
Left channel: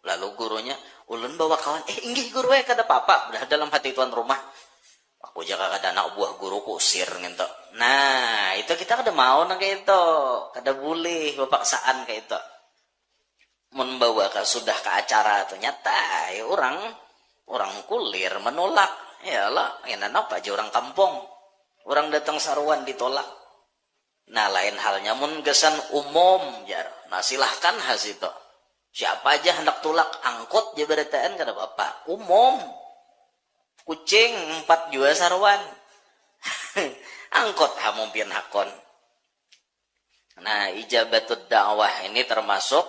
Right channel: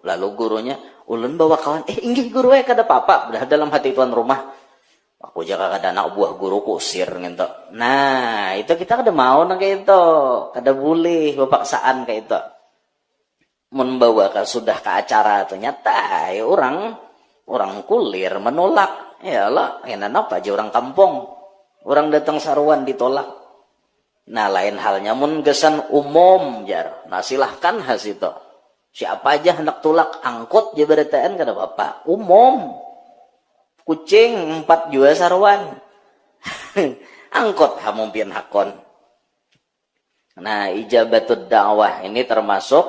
lalu gurunya ulun bawa kawan, inggih guru kada apa-apa. Udah dalam hati tuan rumah, aku jaga kada anak buah guru kusir gitu. Nah itu kita kada mau nang kayak itu, kada boleh bapaksaan kayak itu. Membawa sudah ke acara ternyata orang kulir menolak. Ya lah, enak apa aja orang kampung, orang datang saruan ditolak. Nah lain halnya mun gesan umum jar. Nah silahkan has itu. Siapa aja hendak tulak angkut jabarataan kada apa-apa. Umum. Kucing 4 jua saruan. Angkot hamum pian hakon. Nah ijabatud dakwah ini termasuk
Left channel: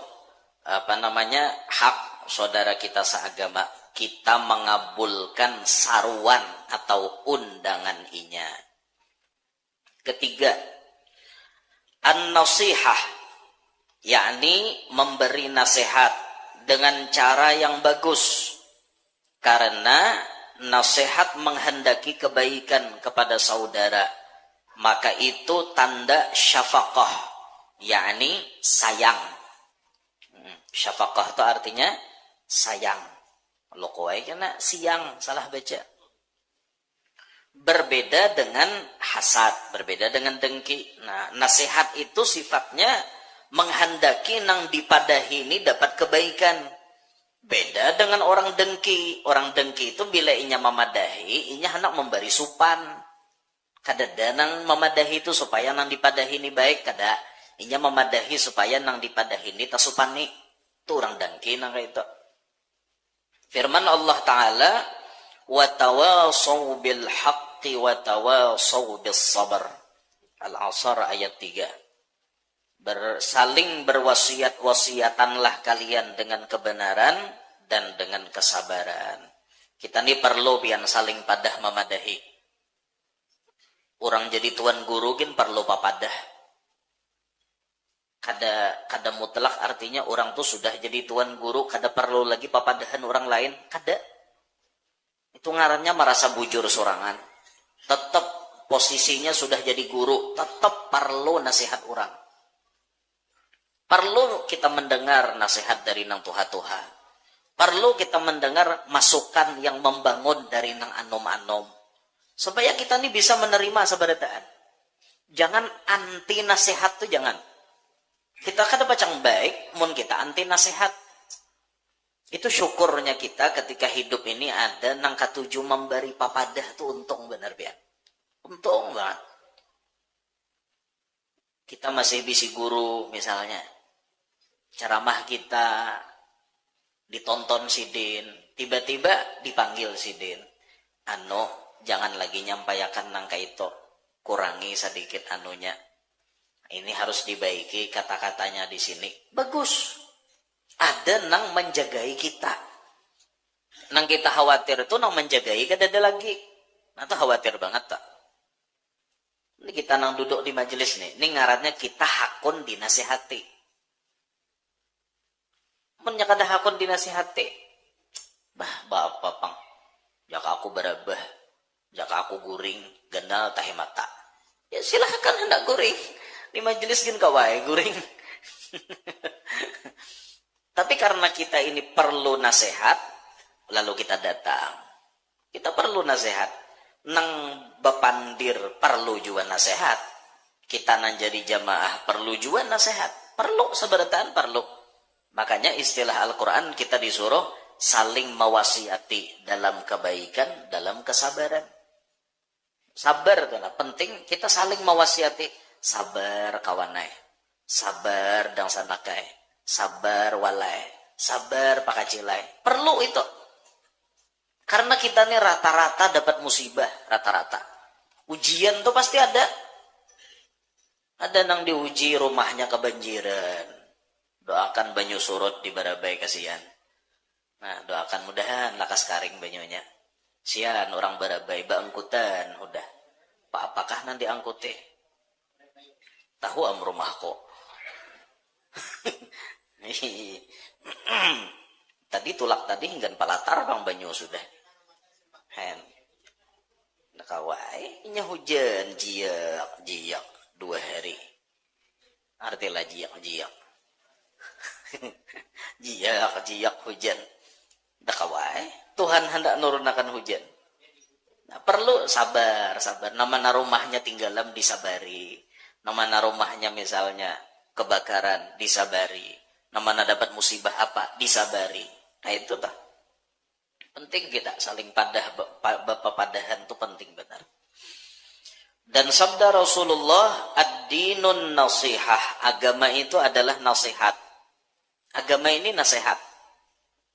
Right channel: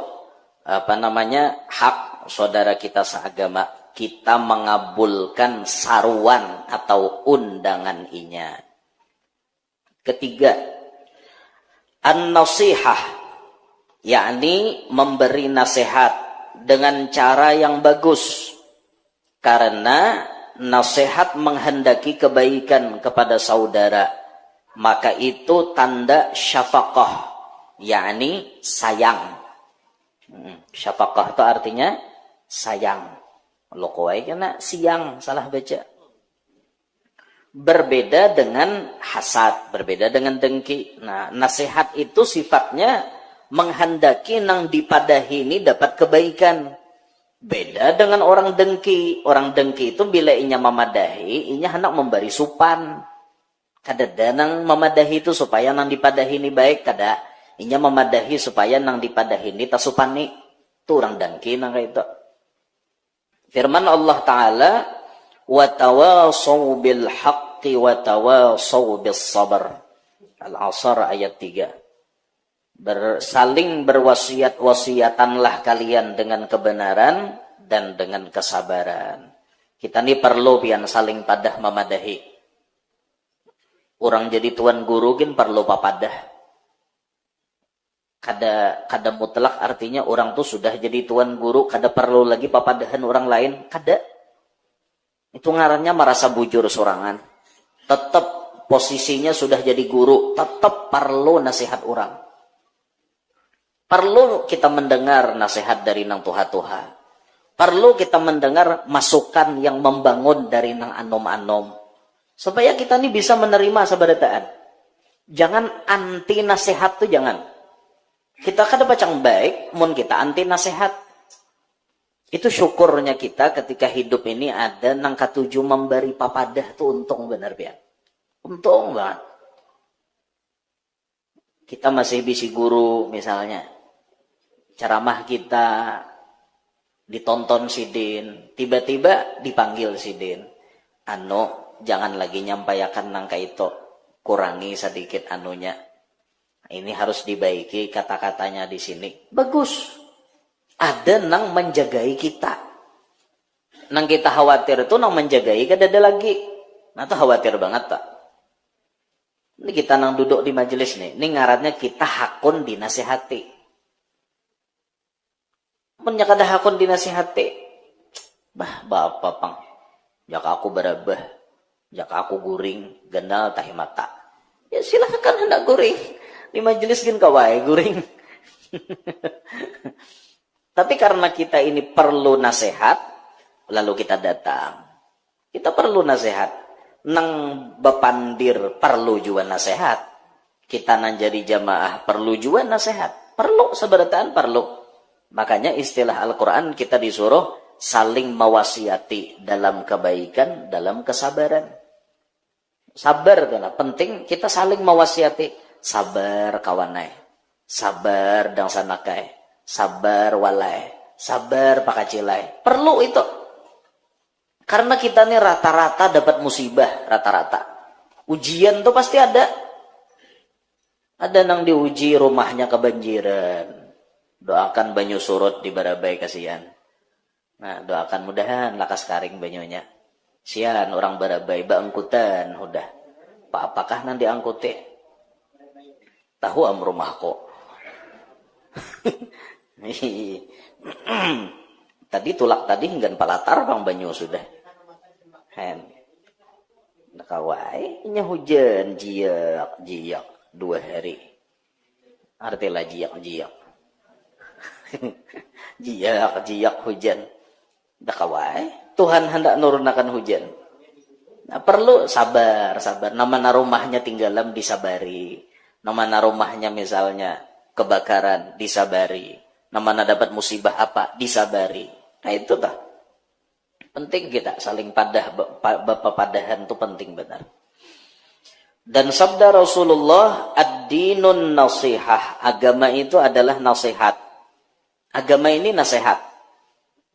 hak saudara kita seagama. Kita mengabulkan saruan atau undangan inya. Ketiga, an-nasihah, yakni memberi nasihat dengan cara yang bagus. Karena nasihat menghendaki kebaikan kepada saudara. maka itu tanda syafaqah, yakni sayang. Syafaqah itu artinya sayang. Lo kawai kena siang, salah baca. Berbeda dengan hasad, berbeda dengan dengki. Nah, nasihat itu sifatnya menghendaki nang dipadahi ini dapat kebaikan. Beda dengan orang dengki. Orang dengki itu bila inya memadahi, inya hendak memberi supan. Kada nang memadahi itu supaya nang dipadahi ini baik, kada. Inya memadahi supaya nang dipadahi ini tasupani. Itu orang dengki nang kayak itu. Firman Allah Ta'ala, وَتَوَاصَوْا بِالْحَقِّ وَتَوَاصَوْا بِالصَّبْرِ. Al-Asr ayat 3. Saling berwasiat-wasiatanlah kalian dengan kebenaran dan dengan kesabaran. Kita ini perlu pian saling padah memadahi. Orang jadi tuan guru kan perlu papadah. Kada mutlak artinya orang tuh sudah jadi tuan guru, kada perlu lagi papadahan orang lain, kada. Itu ngarannya merasa bujur sorangan. Tetap posisinya sudah jadi guru, tetap perlu nasihat orang. Perlu kita mendengar nasihat dari nang tuha-tuha. Perlu kita mendengar masukan yang membangun dari nang anom-anom. Supaya kita ini bisa menerima sabarataan. Jangan anti nasihat tuh jangan. Kita kada bacang baik, mun kita anti nasihat. Itu syukurnya kita ketika hidup ini ada nang katuju memberi papadah tuh untung benar pian. Untung banget. Kita masih bisi guru misalnya. Ceramah kita ditonton sidin, tiba-tiba dipanggil sidin. Jangan lagi nyampaikan nang kaito, kurangi sedikit anunya. Ini harus dibaiki kata-katanya di sini. Bagus. Ada nang menjagai kita. Nang kita khawatir itu nang menjagai kada ada lagi. Nah itu khawatir banget tak. Ini kita nang duduk di majelis nih. Ini ngaratnya kita hakun dinasihati. Punya kada hakun dinasihati. Bapak pang. Jaka aku berabah. Jaka aku guring. Gendal tahi mata. Ya silahkan hendak guring. Di majelis gin kawai guring. Tapi karena kita ini perlu nasihat, lalu kita datang. Kita perlu nasihat. Nang bepandir perlu juga nasihat. Kita nang jadi jamaah perlu juga nasihat. Perlu seberataan perlu. Makanya istilah Al-Quran kita disuruh saling mewasiati dalam kebaikan, dalam kesabaran. Sabar itu penting kita saling mewasiati. Sabar kawanai, sabar dang sanakai, sabar walai, sabar pakacilai. Perlu itu. Karena kita nih rata-rata dapat musibah, rata-rata. Ujian tuh pasti ada. Ada nang diuji rumahnya kebanjiran. Doakan banyu surut di Barabai kasihan. Nah, doakan mudahan lakas karing banyunya. Sian orang Barabai baangkutan udah. Apakah nanti angkuti? Tahu am rumahku. Tadi tulak tadi hingga palatar bang banyu sudah. Hen. Nakawai nya hujan jiak 2 hari. Artilah jiak. jiak hujan. Nakawai Tuhan hendak nurunakan hujan. Nah, perlu sabar. Nama rumahnya tinggalam disabari. Nama rumahnya misalnya kebakaran, disabari. Nama dapat musibah apa, disabari. Nah itu tah. Penting kita saling padahan itu penting benar. Dan sabda Rasulullah, ad-dinun nasihah. Agama itu adalah nasihat. Agama ini nasihat.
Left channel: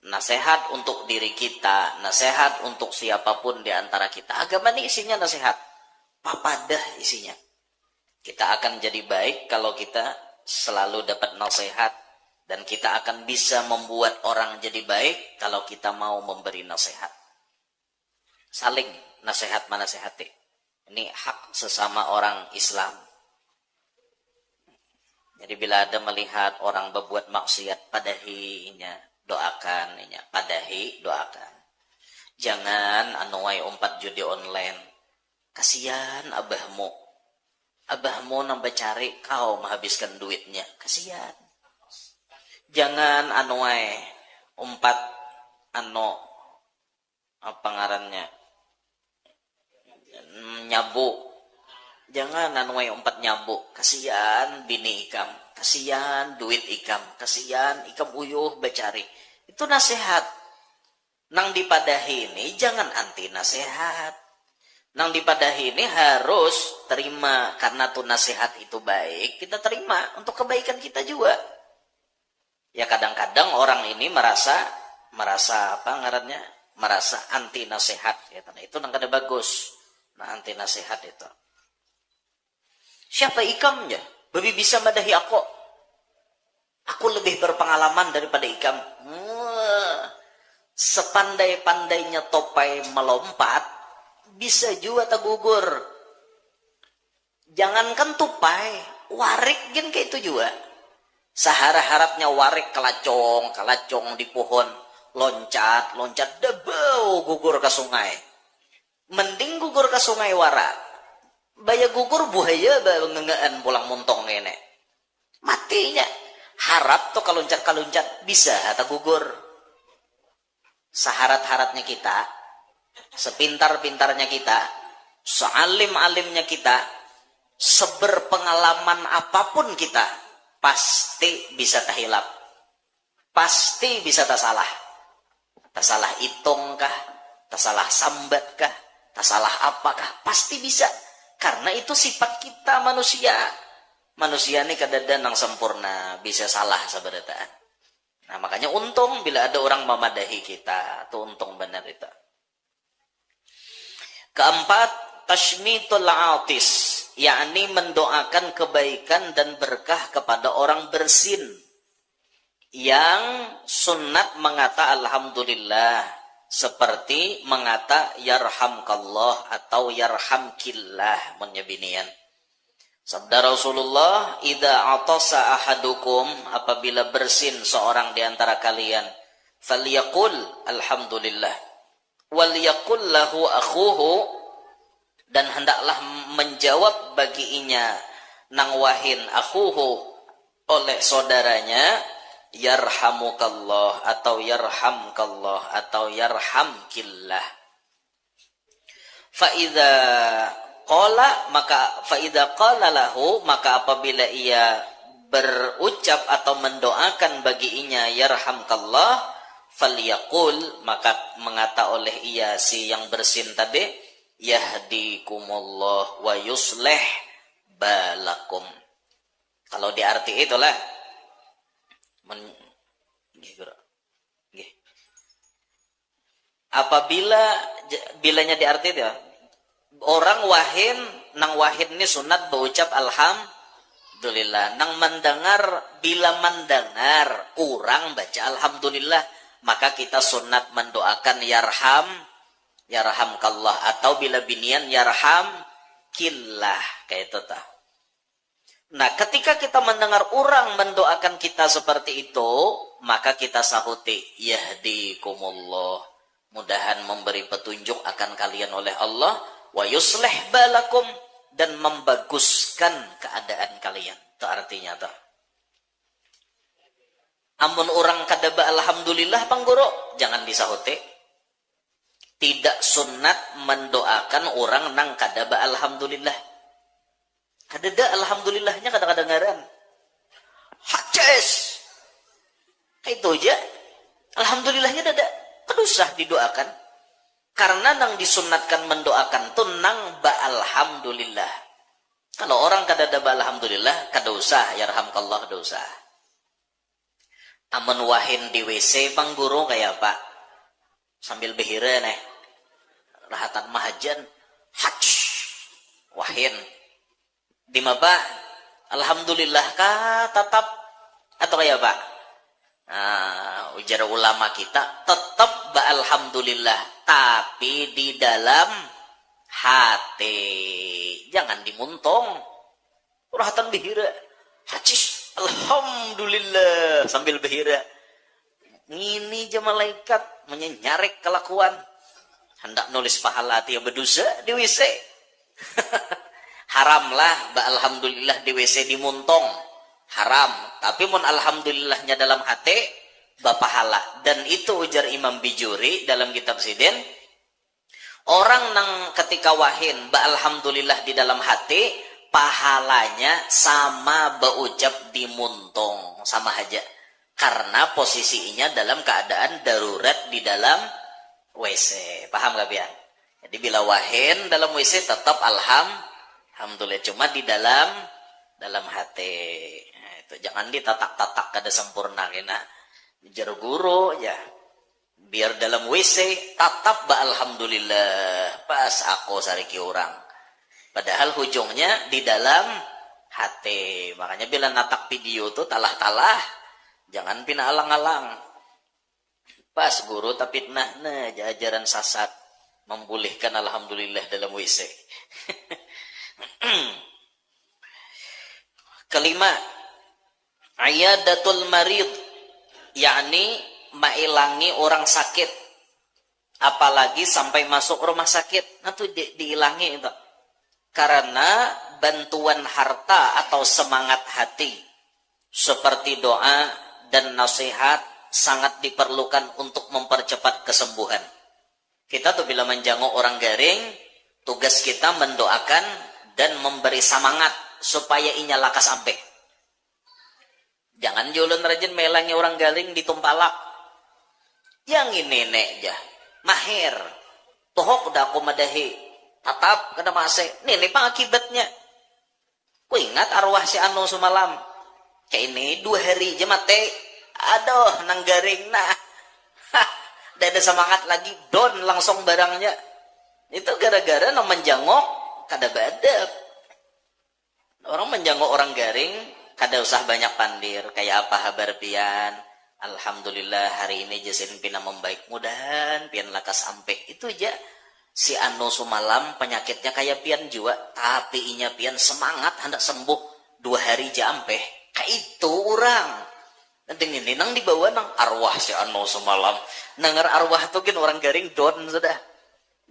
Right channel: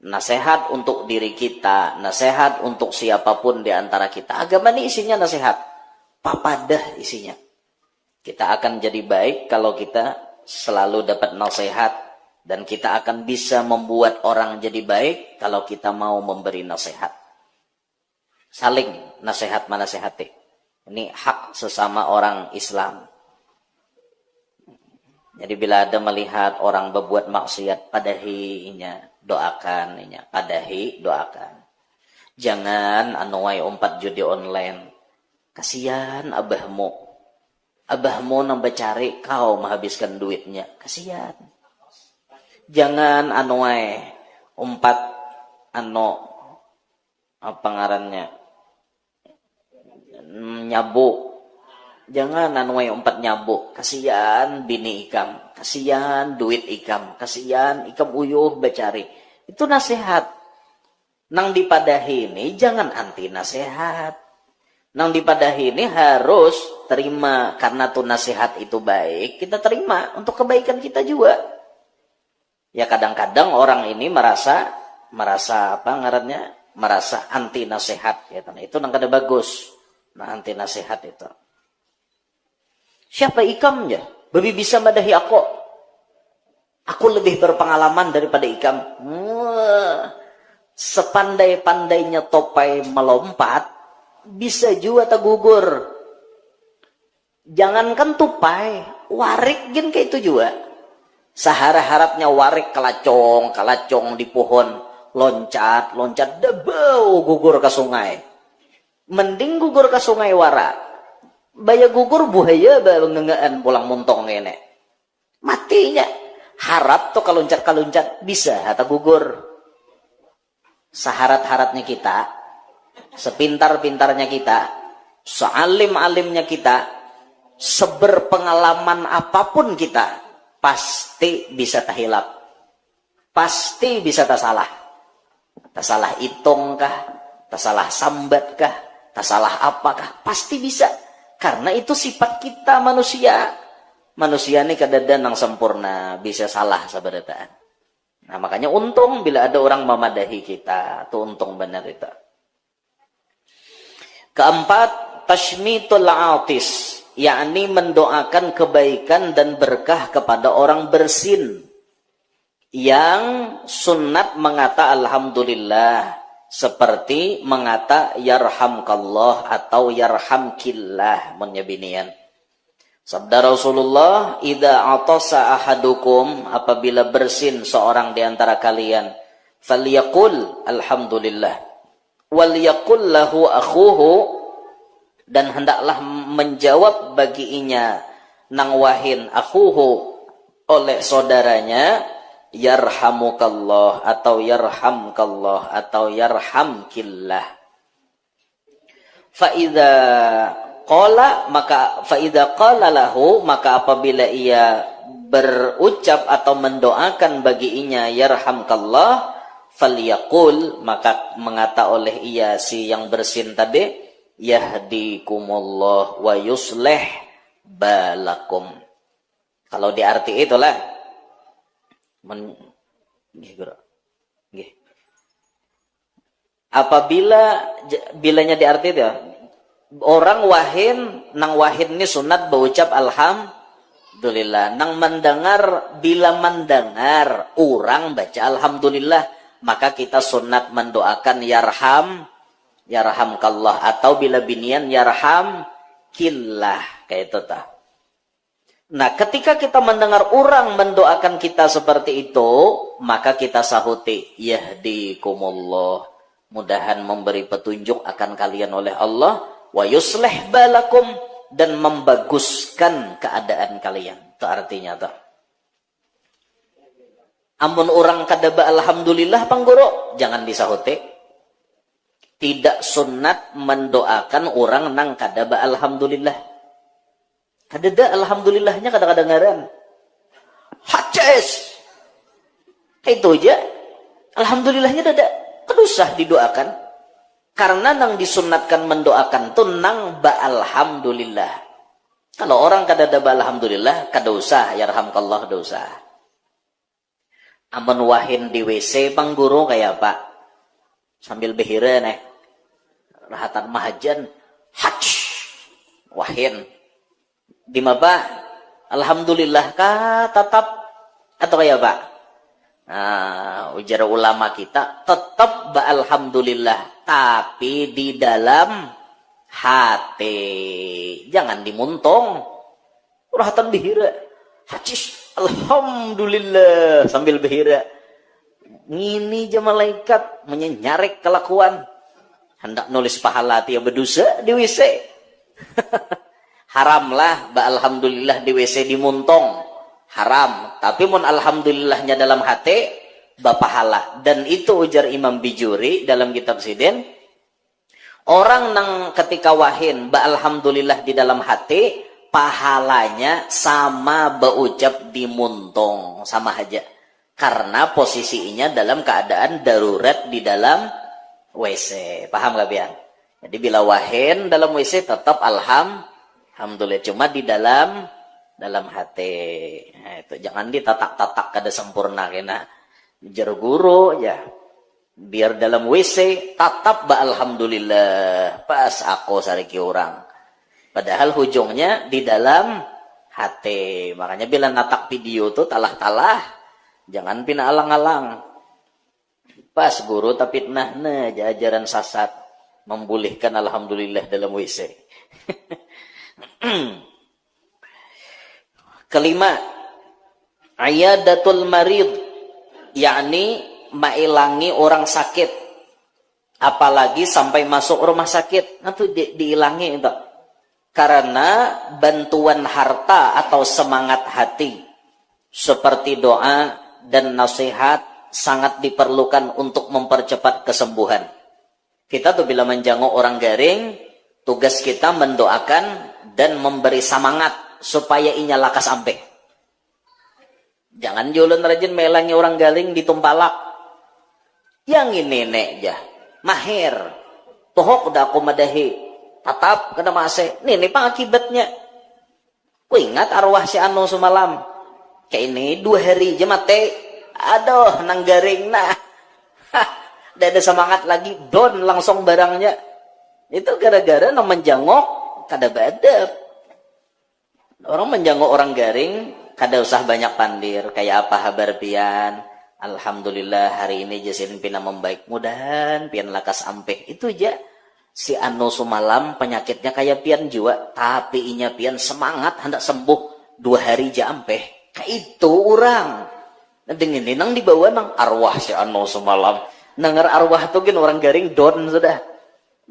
Nasihat untuk diri kita, nasihat untuk siapapun di antara kita. Agama ini isinya nasihat. Papadah isinya. Kita akan jadi baik kalau kita selalu dapat nasihat. Dan kita akan bisa membuat orang jadi baik kalau kita mau memberi nasihat. Saling nasihat menasihati. Ini hak sesama orang Islam. Jadi bila ada melihat orang berbuat maksiat, padahinya, doakan. Padahi, doakan. Jangan anuai umpat judi online. Kasihan abahmu. abahmu nambah cari, kau menghabiskan duitnya. Kasihan. Jangan umpat apa ngarannya, nyabu. Jangan umpat nyabu. Kasihan bini ikam, kasihan duit ikam, kasihan ikam uyuh bacari. Itu nasihat. Nang dipadahi ini jangan anti nasihat. Nang dipadahi ini harus terima, karena tuh nasihat itu baik, kita terima untuk kebaikan kita juga. Ya kadang-kadang orang ini merasa apa ngarannya, merasa anti nasihat ya. Itu nang kada bagus. Nah, anti nasihat itu. Siapa ikamnya? Babi bisa madahi aku. Aku lebih berpengalaman daripada ikam. Sepandai-pandainya topai melompat, bisa juga tergugur. Jangankan tupai, warik gen kayak itu juga. Sahara-harapnya warik kalacong di pohon, loncat, debau gugur ke sungai. Mending gugur ke sungai wara. Baya gugur buaya ngengean pulang muntong kene. Matinya. Harap tuh kaluncat bisa atau gugur. Seharat-haratnya kita, sepintar-pintarnya kita, sealim-alimnya kita, seberpengalaman apapun kita, pasti bisa tahilap. Pasti bisa tasalah. Tasalah hitung kah? Tasalah sambat kah? Tasalah apakah? Pasti bisa. Karena itu sifat kita manusia. Manusia ini kadang-kadang yang sempurna, bisa salah sebenarnya. Nah makanya untung bila ada orang memadahi kita, itu untung benar itu. Keempat, tashmitul atis, yakni mendoakan kebaikan dan berkah kepada orang bersin yang sunat mengata alhamdulillah, seperti mengata yarhamkallah atau yarhamkillah menyebinian. Sabda Rasulullah, idza atasa ahadukum, apabila bersin seorang di antara kalian, falyaqul alhamdulillah, wal yaqul lahu akhuhu, dan hendaklah menjawab baginya nang wahin akhuhu oleh saudaranya, yarhamukallah atau yarhamkallah atau yarhamkillah. Fa idza qala, maka faida qala lahu, maka apabila ia berucap atau mendoakan baginya yarhamkallah, falyaqul, maka mengata oleh ia si yang bersin tadi, yahdikumullah wa yuslih balakum. Kalau di arti itulah apabila bilanya di arti itu, orang wahin, nang wahin ini sunat berucap alhamdulillah. Nang mendengar, bila mendengar orang baca alhamdulillah, maka kita sunat mendoakan yarhamkallah, atau bila binian yarhamkillah, kayak itu tah. Nah, ketika kita mendengar orang mendoakan kita seperti itu, maka kita sahuti yahdikumullah, mudahan memberi petunjuk akan kalian oleh Allah, wa yuslih balakum, dan membaguskan keadaan kalian. Itu artinya tuh. Amun orang kadaba alhamdulillah panggoro, jangan disahuti. Tidak sunat mendoakan orang nang kadaba alhamdulillah. Kadada alhamdulillahnya kadang-kadang ngaran. Haces. Kayak itu aja. Alhamdulillahnya dada. Kan usah didoakan. Karena nang disunatkan mendoakan tuh nang ba alhamdulillah. Kalau orang kadada ba alhamdulillah, kada usah yarhamkallah, kada usah. Amun wahin di WC pangguru kayak Pak, sambil behira nih, rahatan mahajan, hach, wahin. Di maba, alhamdulillah kah tetap atau kayak Pak? Nah, ujar ulama kita tetap ba alhamdulillah, tapi di dalam hati, jangan dimuntong. Rahatan behira, hacis, alhamdulillah sambil behira. Ini aja malaikat menyarek kelakuan, hendak nulis pahala tiap berdosa di WC. Haram lah ba alhamdulillah di WC dimuntong. Haram. Tapi mun alhamdulillahnya dalam hati, bapahala. Dan itu ujar Imam Bijuri dalam kitab Sidin, orang nang ketika wahin ba alhamdulillah di dalam hati, pahalanya sama baucap dimuntong, sama aja. Karena posisinya dalam keadaan darurat di dalam WC. Paham gak Bian? Jadi bila wahin dalam WC tetap alhamdulillah, cuma di dalam hati. Nah, itu jangan ditatak-tatak kada sempurna kena jar guru ya. Biar dalam WC tatap ba alhamdulillah pas aku sariki orang. Padahal ujungnya di dalam hati. Makanya bila natak video tuh talah-talah, jangan pina alang-alang. Pas guru tapi nah ajaran sasat membolehkan alhamdulillah dalam WC. Kelima, ayadatul marid, yakni mailangi orang sakit, apalagi sampai masuk rumah sakit. Nah tuh diilangi itu. Karena bantuan harta atau semangat hati seperti doa dan nasihat sangat diperlukan untuk mempercepat kesembuhan. Kita tuh bila menjenguk orang garing, tugas kita mendoakan dan memberi semangat supaya inya lakas ampe. Jangan julun rajin melangi orang garing ditumpalak. Yang ini nek ya, mahir. Tohok udah aku madahi. Tatap kena masih. Ini pang akibatnya. Ku ingat arwah si Anu semalam. Kayak ini 2 hari aja mati. Aduh, nang garing nah. Udah ada semangat lagi. Don langsung barangnya. Itu gara-gara nang menjangok kada badab. Orang menjangok orang garing kada usah banyak pandir. Kayak apa kabar pian? Alhamdulillah hari ini jasin pina membaik. Mudahan pian lakas ampeh. Itu aja. Si Anu semalam penyakitnya kayak pian juga, tapi inya pian semangat hendak sembuh 2 hari aja ampeh. Kayak itu orang. Dengan nang dibawa nang arwah si Anu semalam. Nangar arwah tuh kan orang garing don sudah.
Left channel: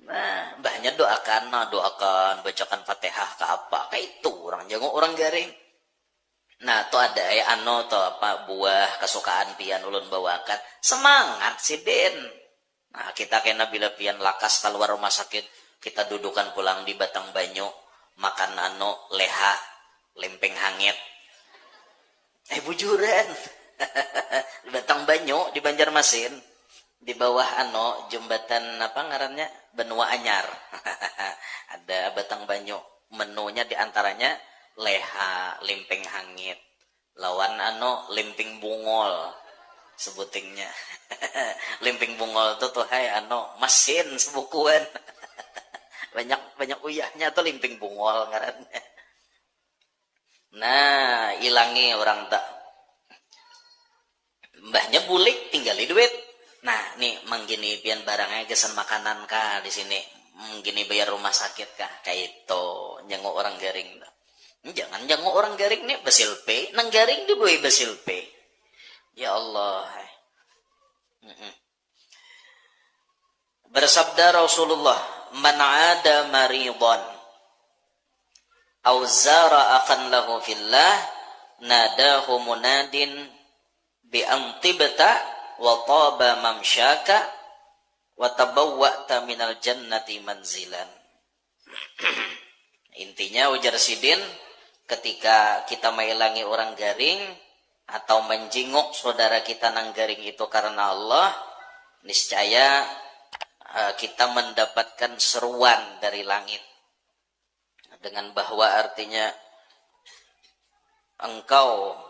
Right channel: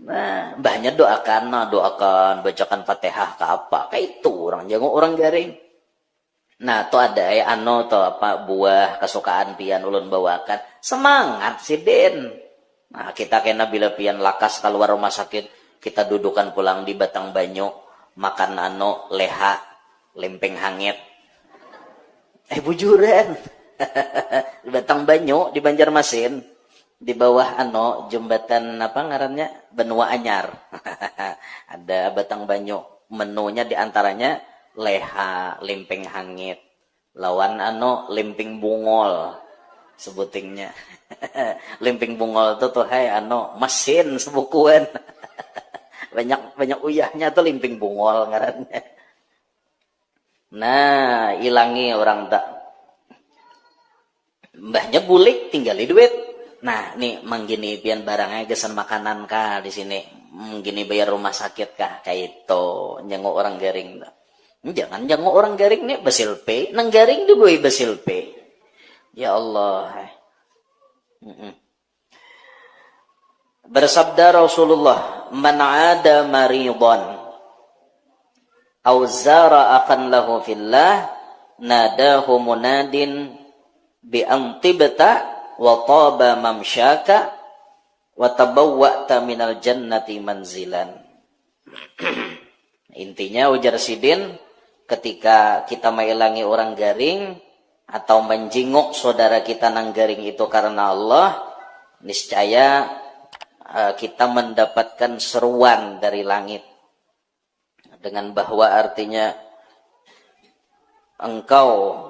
Nah, mbahnya doakan bacakan Fatihah ke apa. Kayak itu orang jangan orang garing. Nah, tuh ada ya Anu tuh apa buah kesukaan pian ulun bawakan. Semangat si Den. Nah, kita kena bila pian lakas keluar rumah sakit, kita dudukan pulang di Batang Banyu, makan leha, lempeng hangit. Bujuran. Di Batang Banyu, di Banjarmasin, di bawah jembatan apa ngarannya? Benua Anyar. Ada Batang Banyu, menunya diantaranya leha, lempeng hangit, lawan lempeng bungol. Sebutingnya lempeng bungol tuh hai mesin sebukuan. banyak uyahnya tuh lempeng bungol ngarannya. Nah, ilangi orang tak mbahnya bulik tinggali duit. Nah, nih manggini pian barangnya gesan makanan kah di sini. Gini bayar rumah sakit kah kayak itu. Jenguk orang garing. Jangan jenguk orang garing nih basil pe, nang garing dibuai basil pe. Ya Allah. Bersabda Rasulullah, "Man 'ada maridan aw zara akan lahu fillah, nadahu munadin bi antibta wa taba mamsyaka wa tabawwa'ta minal jannati manzilan." Intinya ujar Sidin, ketika kita mailangi orang garing atau menjenguk saudara kita nang garing itu karena Allah, niscaya kita mendapatkan seruan dari langit. Dengan bahwa artinya engkau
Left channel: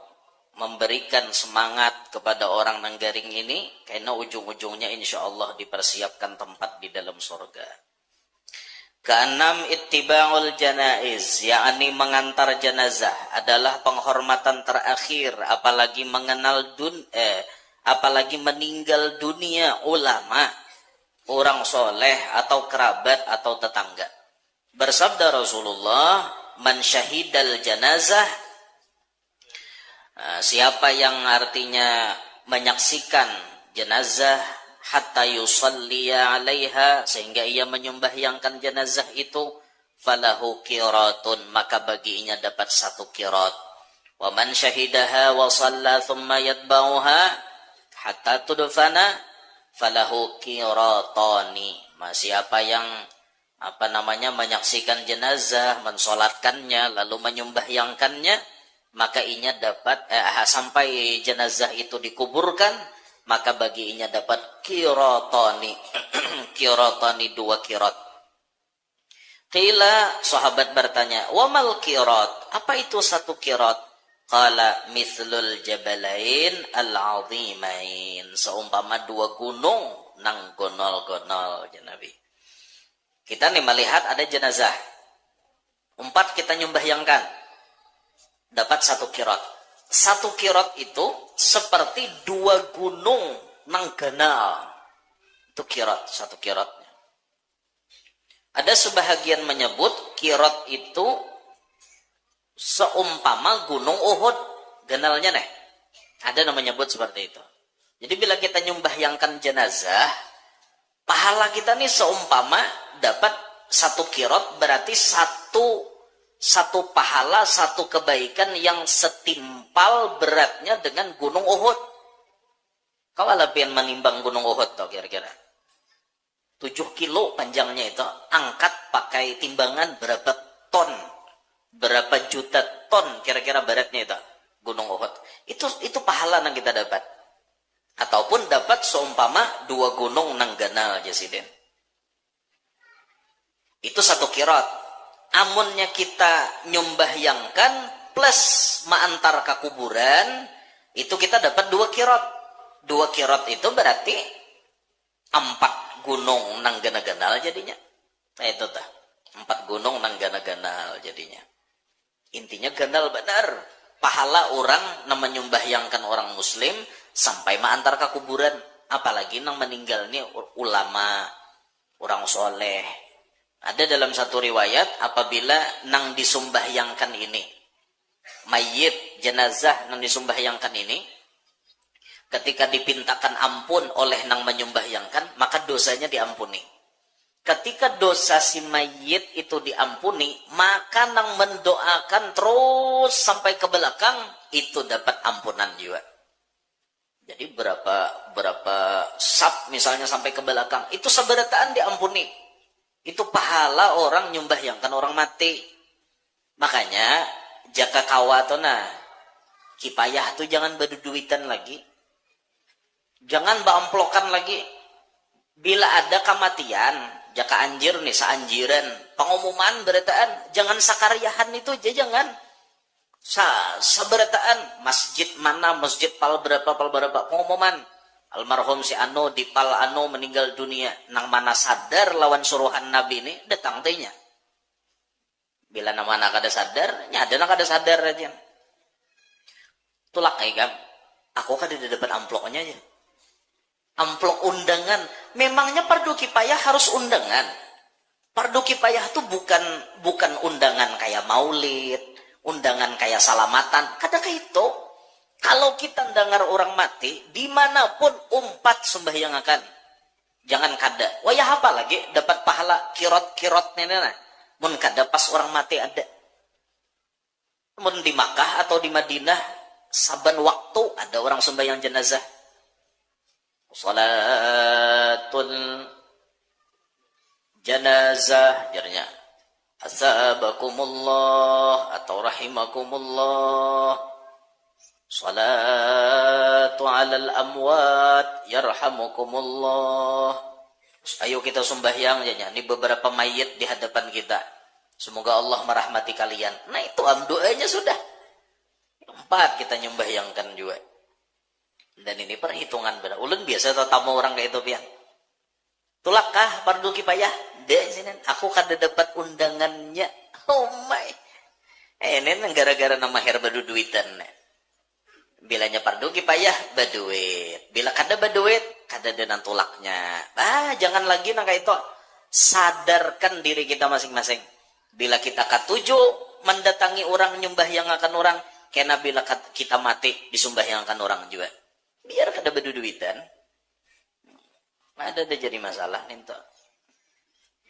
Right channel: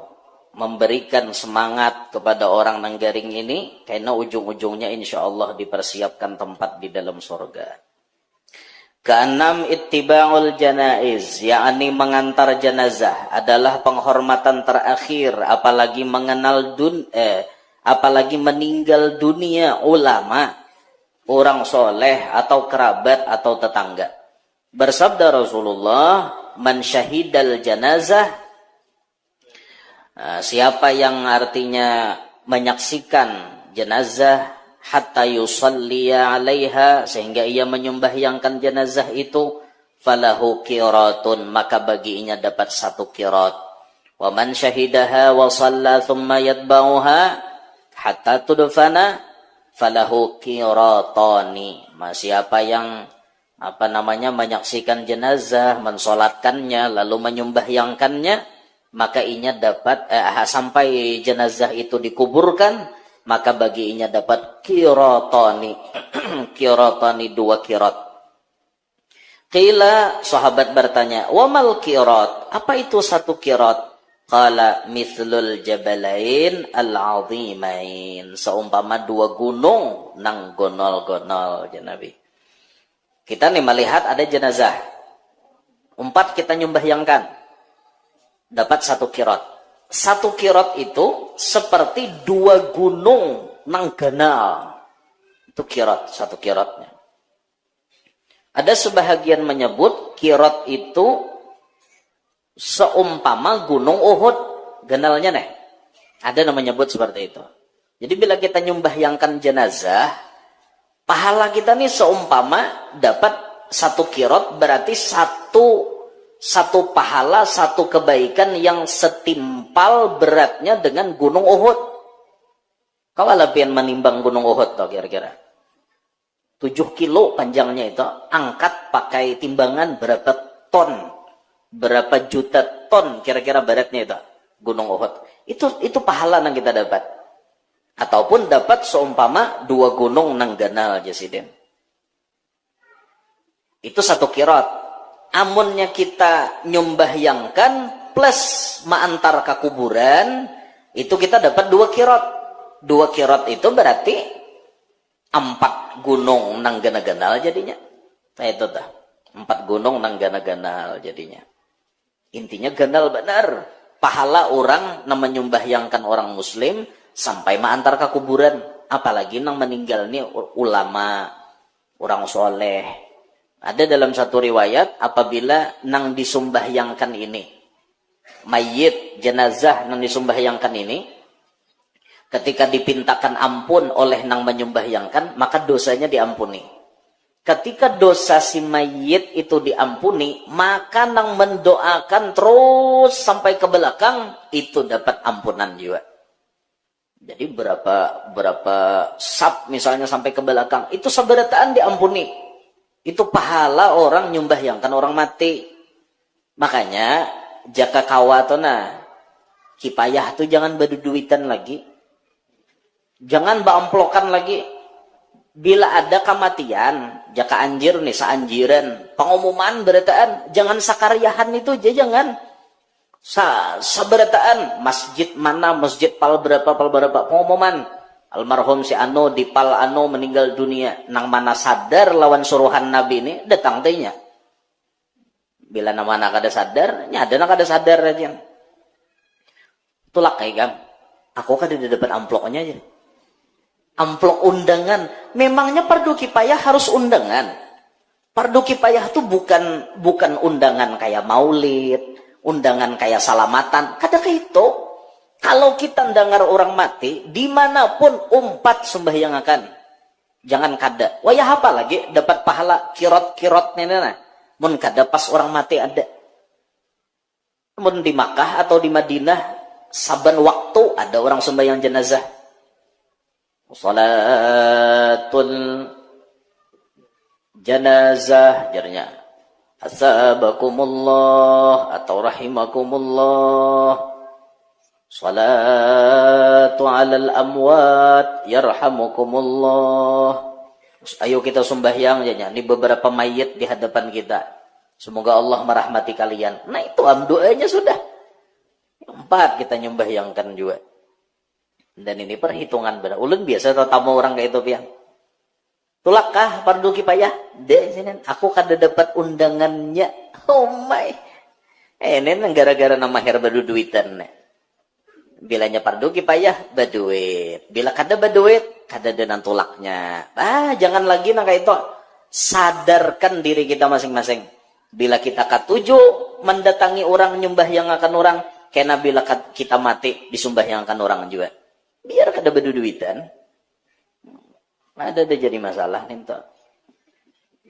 memberikan semangat kepada orang nang garing ini, karena ujung-ujungnya insya Allah dipersiapkan tempat di dalam surga. Keenam, ittiba'ul janaiz, yakni mengantar jenazah adalah penghormatan terakhir, apalagi apalagi meninggal dunia ulama, orang soleh atau kerabat atau tetangga. Bersabda Rasulullah, "Man syahidal janazah", siapa yang artinya menyaksikan jenazah hatta yusalliya 'alaiha, sehingga ia menyembahyangkan jenazah itu, falahu qiratun, maka baginya dapat 1 qirat. Wa man syahidaha wa shalla thumma yatba'uha hatta tudfana falahu qiratani. Siapa yang menyaksikan jenazah, mensolatkannya, lalu menyembahyangkannya, maka inya dapat sampai jenazah itu dikuburkan, maka bagi inya dapat qiratani. Qiratani 2 qirat. Qila, sahabat bertanya, wa mal qirat? Apa itu 1 qirat? Qala mithlul jabalain al-azimain. Seumpama 2 gunung nang gonol-gonol, ya Nabi. Kita nih melihat ada jenazah. 4 kita nyembahyangkan. Dapat 1 qirat. 1 qirat itu seperti 2 gunung nang ganal. Itu qirat, 1 qiratnya. Ada sebahagian menyebut qirat itu seumpama gunung Uhud. Ganalnya nih. Ada yang menyebut seperti itu. Jadi bila kita nyembahyangkan jenazah, pahala kita nih seumpama dapat 1 qirat, berarti satu pahala, 1 kebaikan yang setimpal beratnya dengan gunung Uhud. Kau alapian menimbang gunung Uhud toh kira-kira 7 kilo panjangnya itu, angkat pakai timbangan berapa ton, berapa juta ton kira-kira beratnya itu gunung Uhud. Itu pahala yang kita dapat. Ataupun dapat seumpama 2 gunung nang ganal jasidin. Itu 1 qirat. Amunnya kita nyembahyangkan plus ma'antar ke kuburan, itu kita dapat 2 qirat. 2 qirat itu berarti 4 gunung nang gana-ganal jadinya. Nah itu dah. 4 gunung nang gana-ganal jadinya. Intinya ganal benar. Pahala orang yang menyembahyangkan orang muslim sampai ma'antar ke kuburan. Apalagi nang meninggal ini ulama, orang soleh. Ada dalam satu riwayat, apabila nang disumbahyangkan ini, mayit, jenazah nang disumbahyangkan ini, ketika dipintakan ampun oleh nang menyumbahyangkan, maka dosanya diampuni. Ketika dosa si mayit itu diampuni, maka nang mendoakan terus sampai ke belakang, itu dapat ampunan juga. Jadi berapa sab misalnya sampai ke belakang, itu seberataan diampuni. Itu pahala orang nyumbahyangkan orang mati. Makanya jaka kawatona kipayah tuh jangan berduitan lagi. Jangan baamplokan lagi. Bila ada kematian, jaka anjir nih saanjiran, pengumuman berataan, jangan sakaryahan itu aja jangan. Seberataan masjid mana, masjid pal berapa pengumuman. Almarhum si Ano di pal Ano meninggal dunia. Nang mana sadar lawan suruhan Nabi ini datang tehnya. Bila nama anak ada sadar, ada nak ada sadar aja. Tulak kayak kan. Aku kan tidak dapat amploknya aja. Amplok undangan. Memangnya fardu kifayah harus undangan. Fardu kifayah tuh bukan undangan kayak maulid, undangan kayak salamatan. Kadang itu. Kalau kita dengar orang mati, dimanapun umpat sembahyangakan. Jangan kada. Wayah apa lagi? Dapat pahala kirot nenek. Mun kada pas orang mati ada. Mun di Makkah atau di Madinah, saban waktu ada orang sembahyang jenazah. Salatul janazah, jarnya. Asabakumullah atau rahimakumullah. Salatu alal amwat yarhamukumullah. Ayo kita sembahyang aja. Ini beberapa mayit di hadapan kita. Semoga Allah merahmati kalian. Nah itu doanya sudah. 4 kita nyembahyangkan juga. Dan ini perhitungan benar. Ulun biasa tamu orang kayak itu pian. Tulakkah fardu kifayah? Sini aku kada dapat undangannya. Oh my. Ini gara-gara nama herba duitan. Bilanya fardu kifayah baduit. Bila kada baduit, kada dengan tulaknya. Jangan lagi nang kayak itu. Sadarkan diri kita masing-masing. Bila kita katuju mendatangi orang nyembahyangakan orang, kena bila kita mati disumbahyangakan orang juga. Biar kada baduduitan. Ada jadi masalah nih to.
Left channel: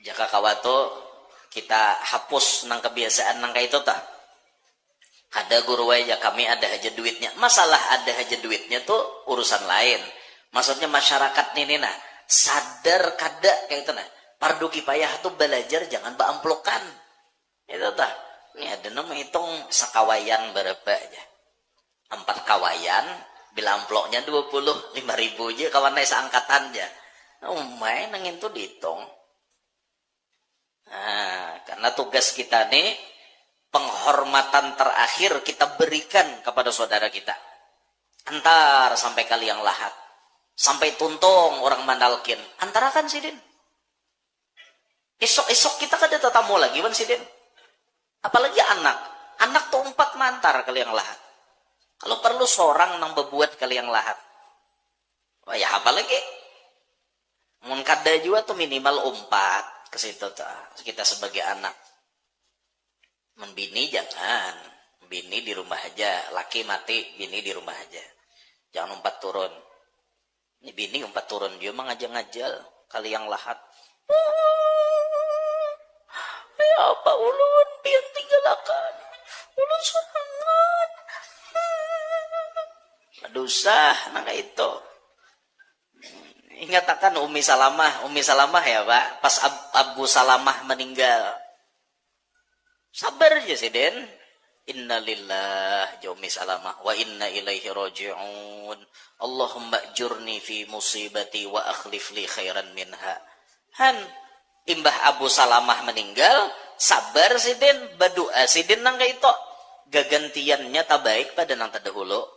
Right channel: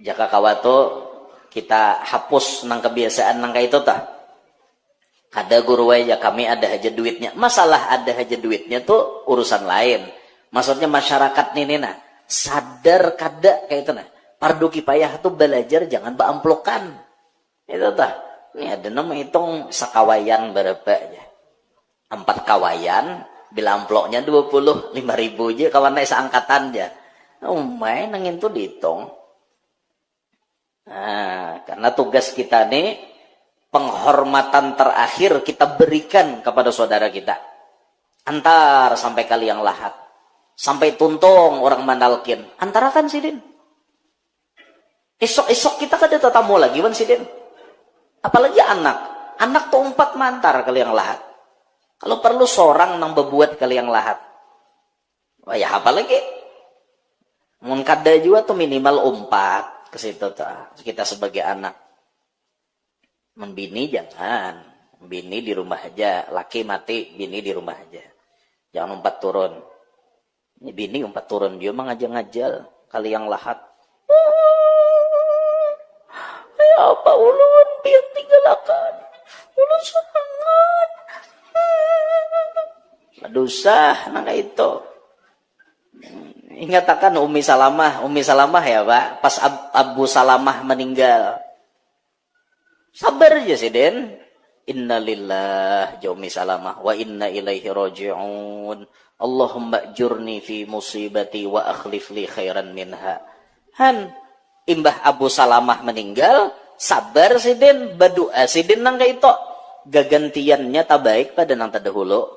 Jaka kawato kita hapus nang kebiasaan nang kayak itu tah. Ada guru aja kami ada aja duitnya. Masalah ada aja duitnya tuh urusan lain. Maksudnya masyarakat ini nah sadar kada kayak itu nah. Fardu kifayah tuh belajar jangan baamplokan. Itu tah. Ini ada nama hitung sekawayan berapa aja. 4 kawayan bila amploknya 25.000 aja kawan naik seangkatan aja. Oh main nangin tuh dihitung. Nah, karena tugas kita nih penghormatan terakhir kita berikan kepada saudara kita. Antar sampai kali yang lahat. Sampai tuntung orang mandalkin. Antarakan Sidin. Esok-esok kita kada tetamu lagi wan Sidin. Apalagi anak. Anak tuh 4 mantar kali yang lahat. Kalau perlu seorang nang bebuat kali yang lahat. Wah ya apalagi. Mun kada juga tuh minimal 4 ke situ tuh. Kita sebagai anak. Membini jangan. Bini di rumah aja. Laki mati, bini di rumah aja. Jangan 4 turun. Ini bini 4 turun. Dia mah ngajal-ngajal. Kali yang lahat. Ya apa ulun pian tinggalkan. Ulun sangat. Dosah nang itu. Ingat akan Umi Salamah ya Pak. Pas Abu Salamah meninggal. Sabar aja sih Den. Innalillah Umi Salamah wa inna ilaihi raji'un. Allahumma ajurni fi musibati wa akhlif li khairan minha. Han imbah Abu Salamah meninggal, sabar sih Den, berdoa sih Den nang kayak itu. Gagantiannya tak baik pada nang terdahulu.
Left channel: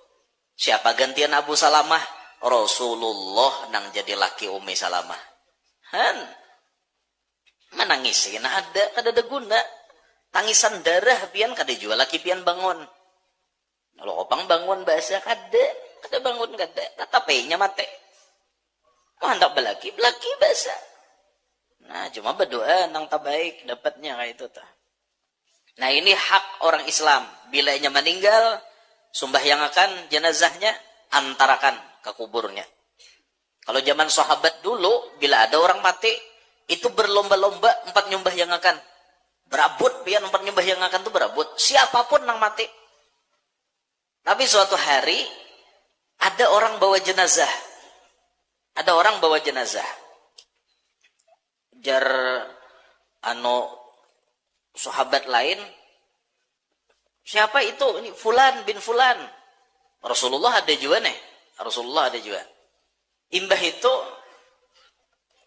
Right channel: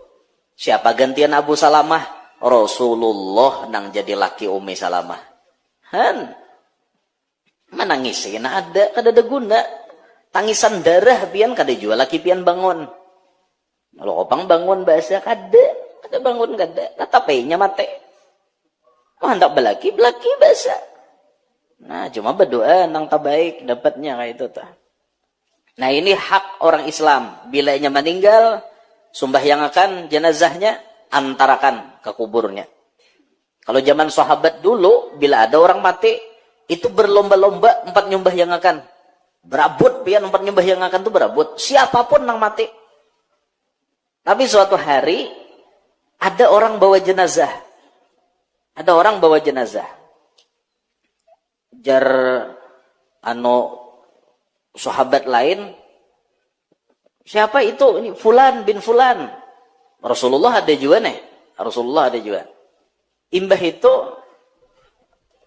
Siapa gantian Abu Salamah? Rasulullah nang jadi laki Umi Salamah. Han menangisin ada kada ada guna. Tangisan darah pian kada jual laki pian bangun. Kalau opang bangun bahasa kada bangun kada. Tatapainya mate. Oh hendak belaki bahasa. Nah cuma berdoa nang tak baik dapatnya kayak itu tah. Nah ini hak orang Islam. Bila ia meninggal, sumbayangakan jenazahnya, antarakan ke kuburnya. Kalau zaman sahabat dulu, bila ada orang mati, itu berlomba-lomba 4 nyumbayangakan. Berabut pian 4 nyumbayangakan itu berabut. Siapapun nang mati. Tapi suatu hari, ada orang bawa jenazah. Jar sahabat lain, siapa itu? Ini Fulan bin Fulan. Rasulullah ada juga nih. Imbah itu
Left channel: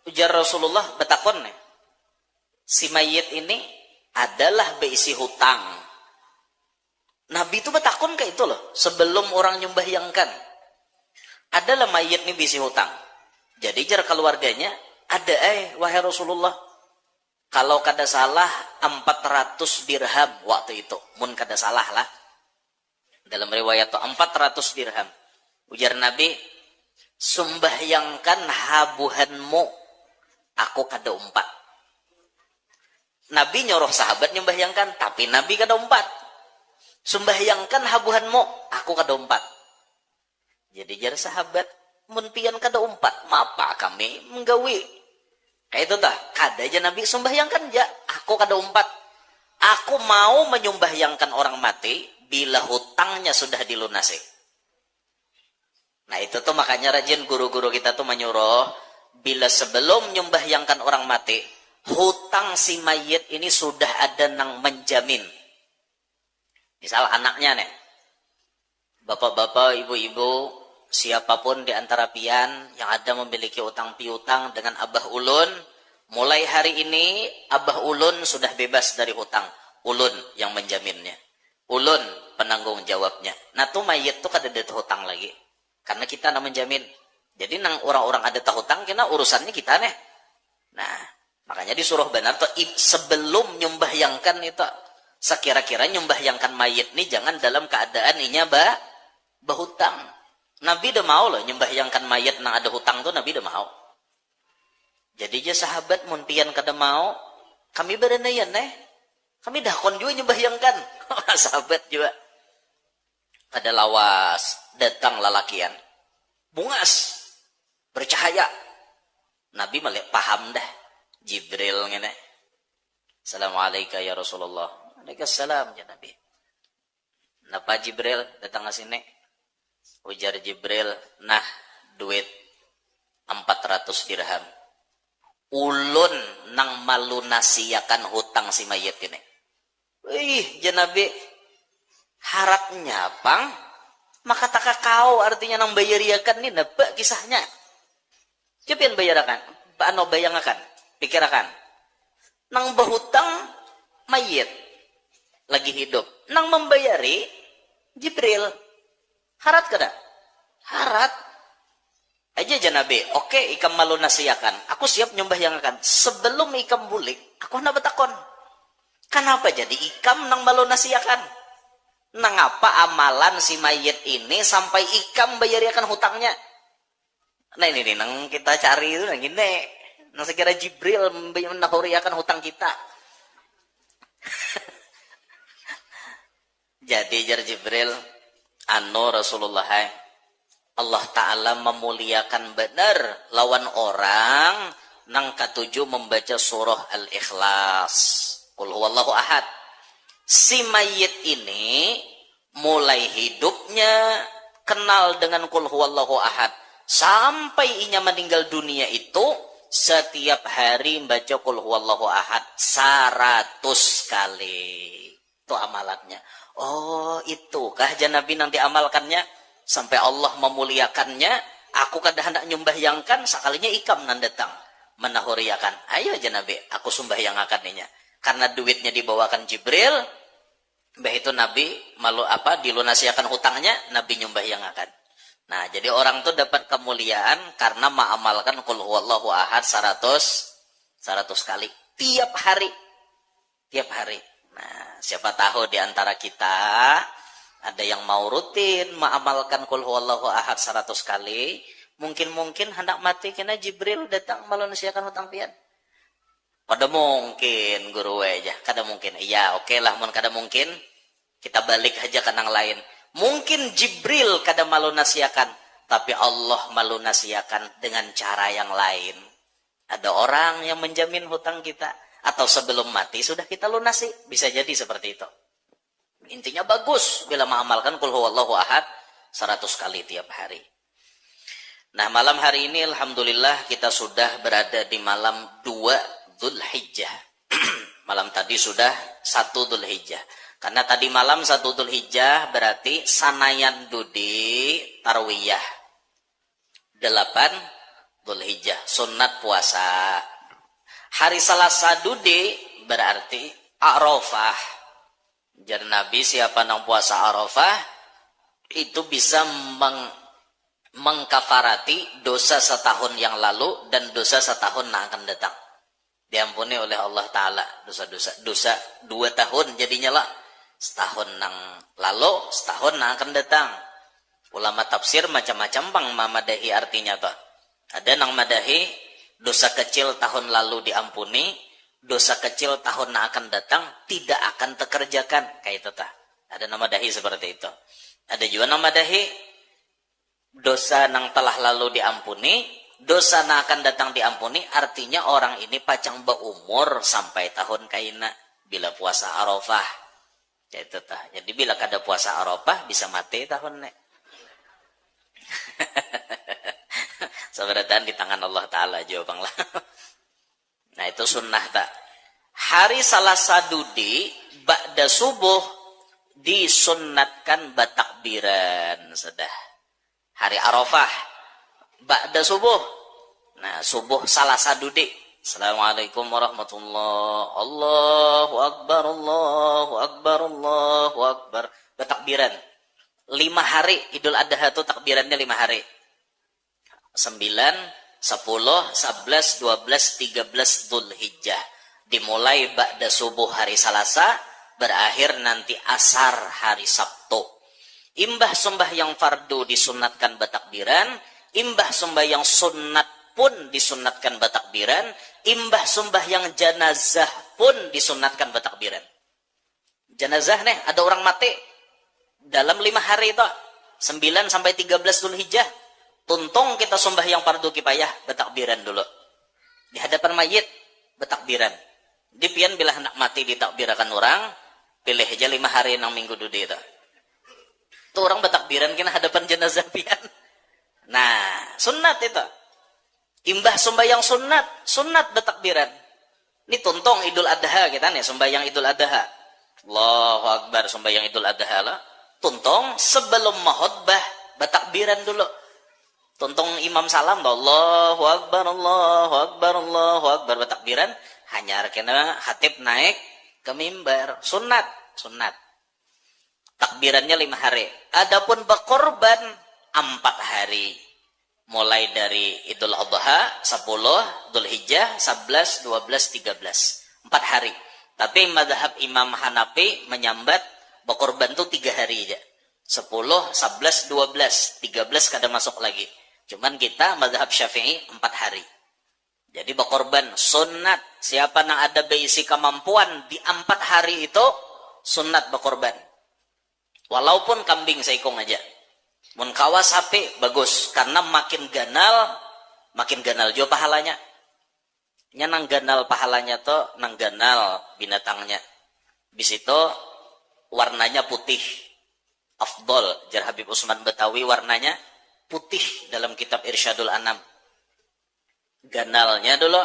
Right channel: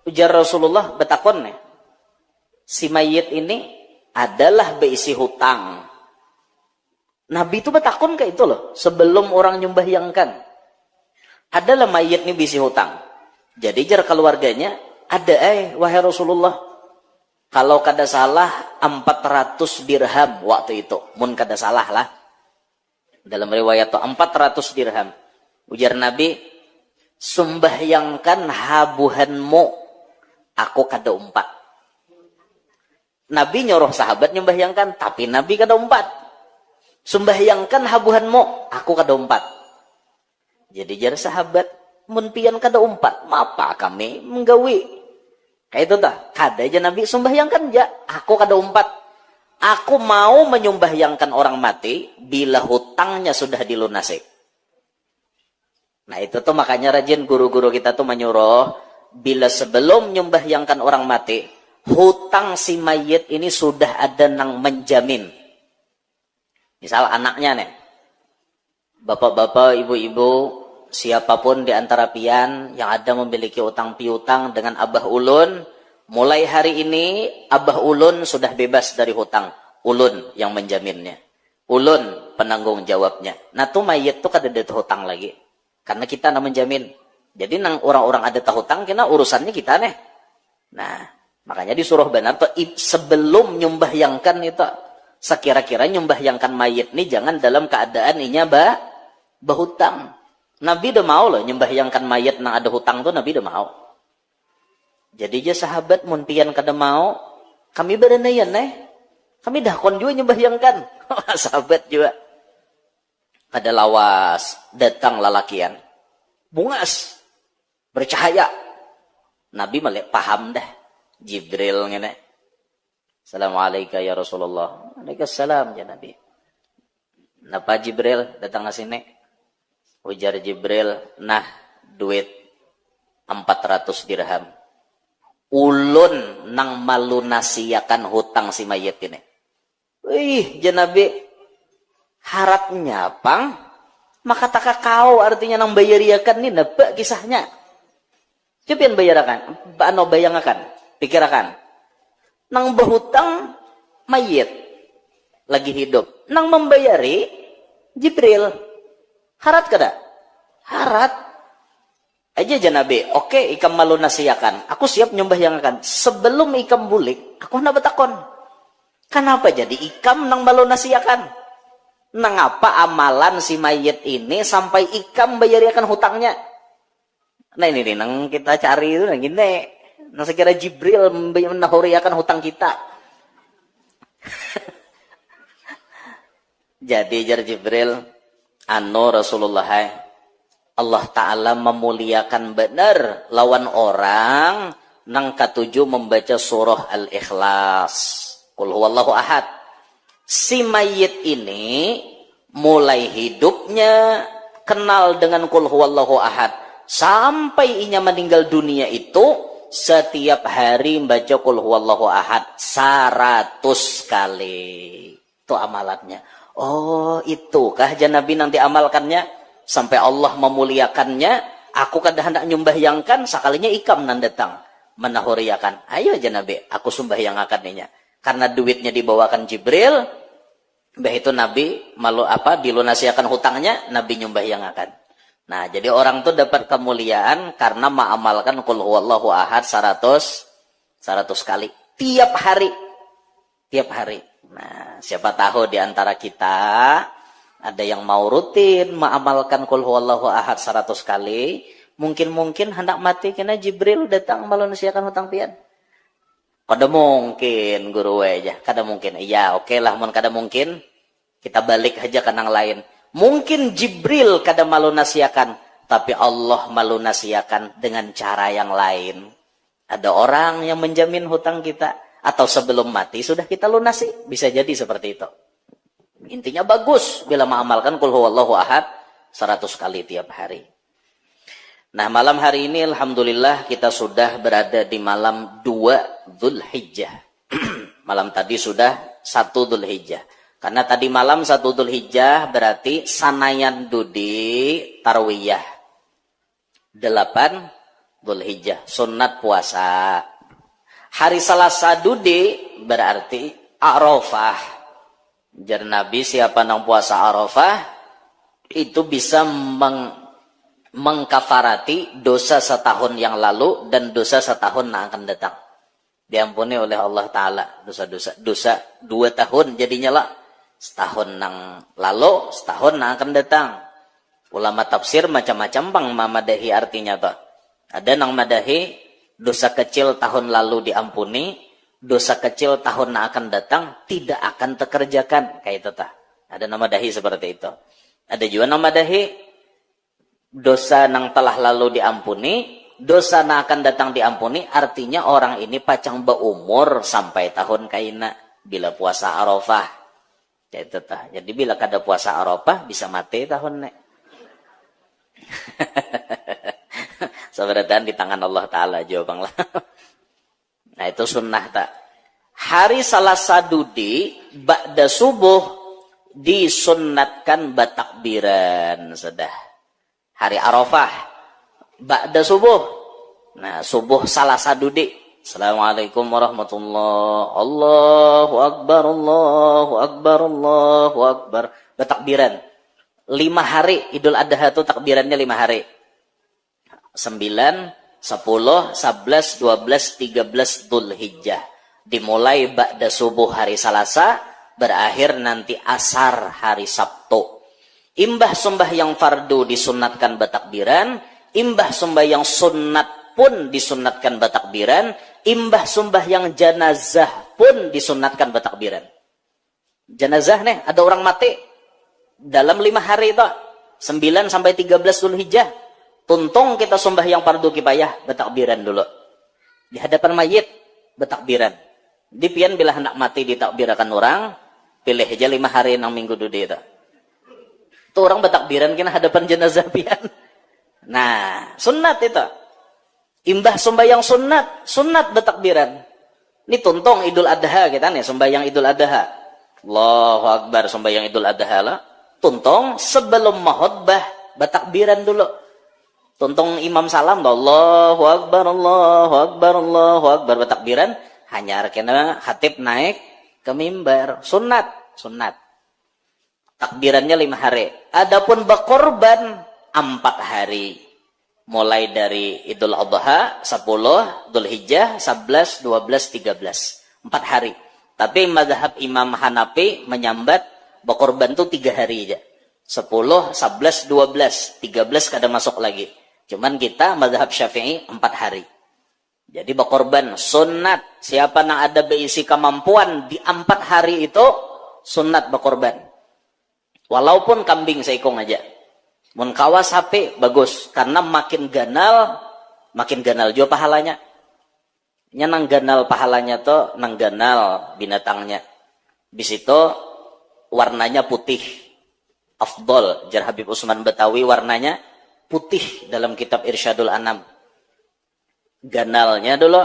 ujar Rasulullah betakon nih. Si mayit ini adalah beisi hutang. Nabi itu betakon kayak itu loh. Sebelum orang nyumbahyangkan. Adalah mayit ini beisi hutang. Jadi jar keluarganya ada wahai Rasulullah. Kalau kada salah 400 dirham waktu itu. Mun kada salah lah. Dalam riwayat itu 400 dirham. Ujar Nabi, sumbahyangkan habuhanmu. Aku kada umpat. Nabi nyuruh sahabat nyumbahyangkan, tapi Nabi kada umpat. Sumbahyangkan habuhanmu, aku kada umpat. Jadi jar sahabat, mun pian kada umpat, mapa kami menggawi. Kayak itu dah, kada aja Nabi sumbahyangkan ja, aku kada umpat. Aku mau menyumbahyangkan orang mati bila hutangnya sudah dilunasi. Nah itu tuh makanya rajin guru-guru kita tuh menyuruh bila sebelum nyumbahyangkan orang mati, hutang si mayit ini sudah ada nang menjamin. Misal anaknya nih, bapak-bapak, ibu-ibu, siapapun di antara pian yang ada memiliki utang piutang dengan abah ulun, mulai hari ini abah ulun sudah bebas dari hutang. Ulun yang menjaminnya. Ulun penanggung jawabnya. Nah tuh mayit tuh kada ada hutang lagi. Karena kita yang menjamin. Jadi nang orang-orang ada hutang, kena urusannya kita nih. Nah makanya disuruh benar tuh sebelum nyumbahyangkan itu. Sekira-kira nyumbahyangkan mayit nih jangan dalam keadaan inya bahutang. Nabi udah mau loh nyumbahyangkan mayit nang ada hutang tuh Nabi udah mau. Jadi aja sahabat mun pian kada mau, kami berendayan kami dakon juga nyumbahyangkan. Sahabat juga. Kada lawas, datang lalakian. Bungas, bercahaya. Nabi malah paham dah. Jibril ngene. Assalamualaikum ya Rasulullah. Waalaikumsalam ya Nabi. Napa Jibril datang ke sini? Ujar Jibril, nah duit 400 dirham. Ulun nang malunasiakan hutang si mayit ini. Wih, ya Nabi, harapnya pang, maka tak kau artinya nang bayariakan ini napa kisahnya. Coba bayarakan, bayangkan, pikirakan. Nang berhutang mayit lagi hidup, nang membayari Jibril. Harat kada? Harat. Aja Nabi, oke ikam malu nasiakan. Aku siap nyembah yang akan. Sebelum ikam bulik, aku nak betakon. Kenapa jadi ikam nang malu nasiakan? Nang apa amalan si mayit ini sampai ikam bayariakan hutangnya? Nah ini nang kita cari itu nang gini. Nang sekira Jibril menahuriakan hutang kita. Jadi jar Jibril, Rasulullah, Allah Ta'ala memuliakan benar lawan orang nang katujuh membaca surah Al-Ikhlas. Qul huwallahu ahad. Si mayit ini mulai hidupnya kenal dengan Qul huwallahu ahad. Sampai inya meninggal dunia itu setiap hari membaca Qul huwallahu ahad 100 kali. Itu amalannya. Oh, itukah Nabi nanti amalkannya sampai Allah memuliakannya. Aku kada hendak nyumbahyangkan sekalinya ikam nan datang menahuriakan. Ayo Nabi, aku sumbahyangkan ninya. Karena duitnya dibawakan Jibril, bah itu Nabi malu apa dilunasiakan hutangnya, Nabi nyumbahyangkan. Nah, jadi orang tuh dapat kemuliaan karena mengamalkan Qul huwallahu ahad 100 kali tiap hari. Tiap hari. Nah, siapa tahu di antara kita ada yang mau rutin mengamalkan Qul huwallahu ahad 100 kali, mungkin hendak mati kena Jibril datang melunasiakan hutang pian. Kada mungkin guru aja, kada mungkin. Iya, oke lah mun kada mungkin, kita balik aja ke nang lain. Mungkin Jibril kada melunasiakan, tapi Allah melunasiakan dengan cara yang lain. Ada orang yang menjamin hutang kita. Atau sebelum mati sudah kita lunasi. Bisa jadi seperti itu. Intinya bagus bila mengamalkan Qul huwallahu ahad 100 kali tiap hari. Nah, malam hari ini alhamdulillah kita sudah berada di malam 2 Dzulhijjah. Malam tadi sudah 1 Dzulhijjah. Karena tadi malam 1 Dzulhijjah berarti sanayan dudi tarwiyah. 8 Dzulhijjah, sunat puasa. Hari Selasa dudi berarti Arafah. Jar Nabi siapa nang puasa Arafah itu bisa mengkafarati dosa setahun yang lalu dan dosa setahun yang akan datang. Diampuni oleh Allah Ta'ala dosa 2 tahun jadinya lah. Setahun yang lalu, setahun yang akan datang. Ulama tafsir macam-macam bang mamadahi artinya tuh. Ada nang madahi dosa kecil tahun lalu diampuni, dosa kecil tahun yang akan datang tidak akan terkerjakan. Kayak itu tah. Ada nama dahi seperti itu. Ada juga nama dahi dosa yang telah lalu diampuni, dosa yang akan datang diampuni. Artinya orang ini pacang berumur sampai tahun kaina bila puasa Arafah. Kayak itu tah. Jadi bila kada puasa Arafah bisa mati tahun nek. Sebenarnya di tangan Allah Ta'ala jawabang lah. Nah itu sunnah tak. Hari Selasa dudi ba'da subuh disunnatkan batakbiran sudah. Hari Arafah ba'da subuh. Nah subuh Selasa dudi. Assalamualaikum warahmatullahi. Allahu Akbar, Allahu Akbar, Allahu Akbar. Batakbiran. 5 hari Idul Adha itu takbirannya 5 hari. 9, 10, 11, 12, 13 Dzulhijjah. Dimulai ba'da subuh hari Selasa, berakhir nanti asar hari Sabtu. Imbah sembahyang fardu disunatkan batakbiran, imbah sembahyang sunat pun disunatkan batakbiran, imbah sembahyang jenazah pun disunatkan batakbiran. Jenazah nih, ada orang mati dalam 5 hari itu, 9 sampai 13 Dzulhijjah. Tuntung kita sembahyang fardu kifayah, bertakbiran dulu. Di hadapan mayit, bertakbiran. Di pian bila hendak mati ditakbirakan orang, pilih aja 5 hari nang minggu dudi itu. Tuh orang bertakbiran kena hadapan jenazah pian. Nah, sunat itu. Imbah sembahyang sunat bertakbiran. Ini tuntong Idul Adha kita nih, sembahyang Idul Adha. Allahu Akbar, sembahyang Idul Adha lah. Tuntong sebelum mahutbah bertakbiran dulu. Tuntong imam salam, Allahu Akbar, Allahu Akbar, Allahu Akbar bertakbiran. Hanya kena khatib naik ke mimbar. Sunat. Takbirannya 5 hari. Adapun berkorban 4 hari. Mulai dari Idul Adha, 10, Dzul Hijjah, 11, 12, 13. 4 hari. Tapi mazhab Imam Hanafi menyambat berkorban itu 3 hari aja. 10, 11, 12, 13 kada masuk lagi. Cuman kita mazhab Syafi'i 4 hari. Jadi berkorban sunat. Siapa yang ada berisi kemampuan di 4 hari itu sunat berkorban. Walaupun kambing seikung aja. Mun kawas HP bagus karena makin ganal juga pahalanya. Nya nang ganal pahalanya tuh nang ganal binatangnya. Bis itu warnanya putih. Afdol jar Habib Usman Betawi warnanya putih dalam kitab Irsyadul Anam. Ganalnya dulu,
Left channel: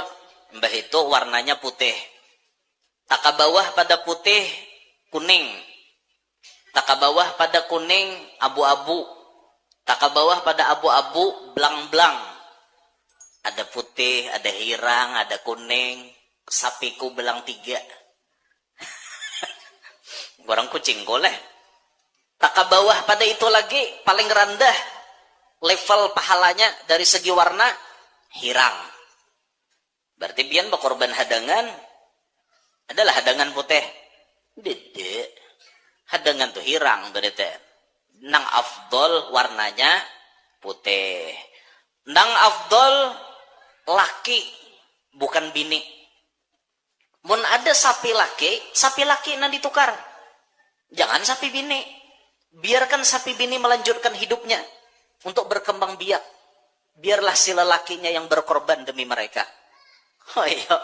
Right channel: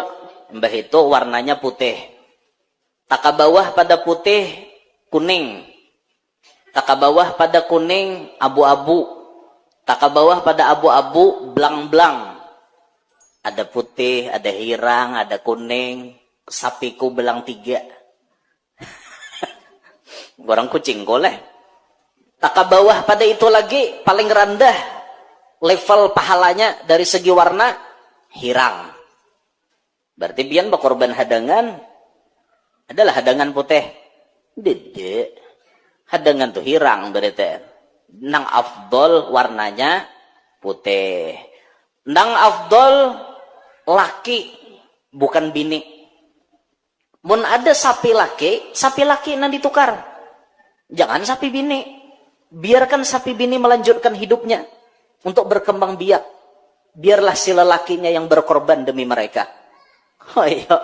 mbah itu warnanya putih. Taka bawah pada putih, kuning. Taka bawah pada kuning, abu-abu. Taka bawah pada abu-abu, belang-belang. Ada putih, ada hirang, ada kuning. Sapiku belang 3. Orang kucing goleh. Taka bawah pada itu lagi, paling rendah. Level pahalanya dari segi warna, hirang. Berarti bian berkorban hadangan adalah hadangan putih. Dede. Hadangan tuh hirang berarti. Nang afdol warnanya putih. Nang afdol laki bukan bini. Mun ada sapi laki nang ditukar. Jangan sapi bini. Biarkan sapi bini melanjutkan hidupnya untuk berkembang biak. Biarlah si lelakinya yang berkorban demi mereka. Oh iya.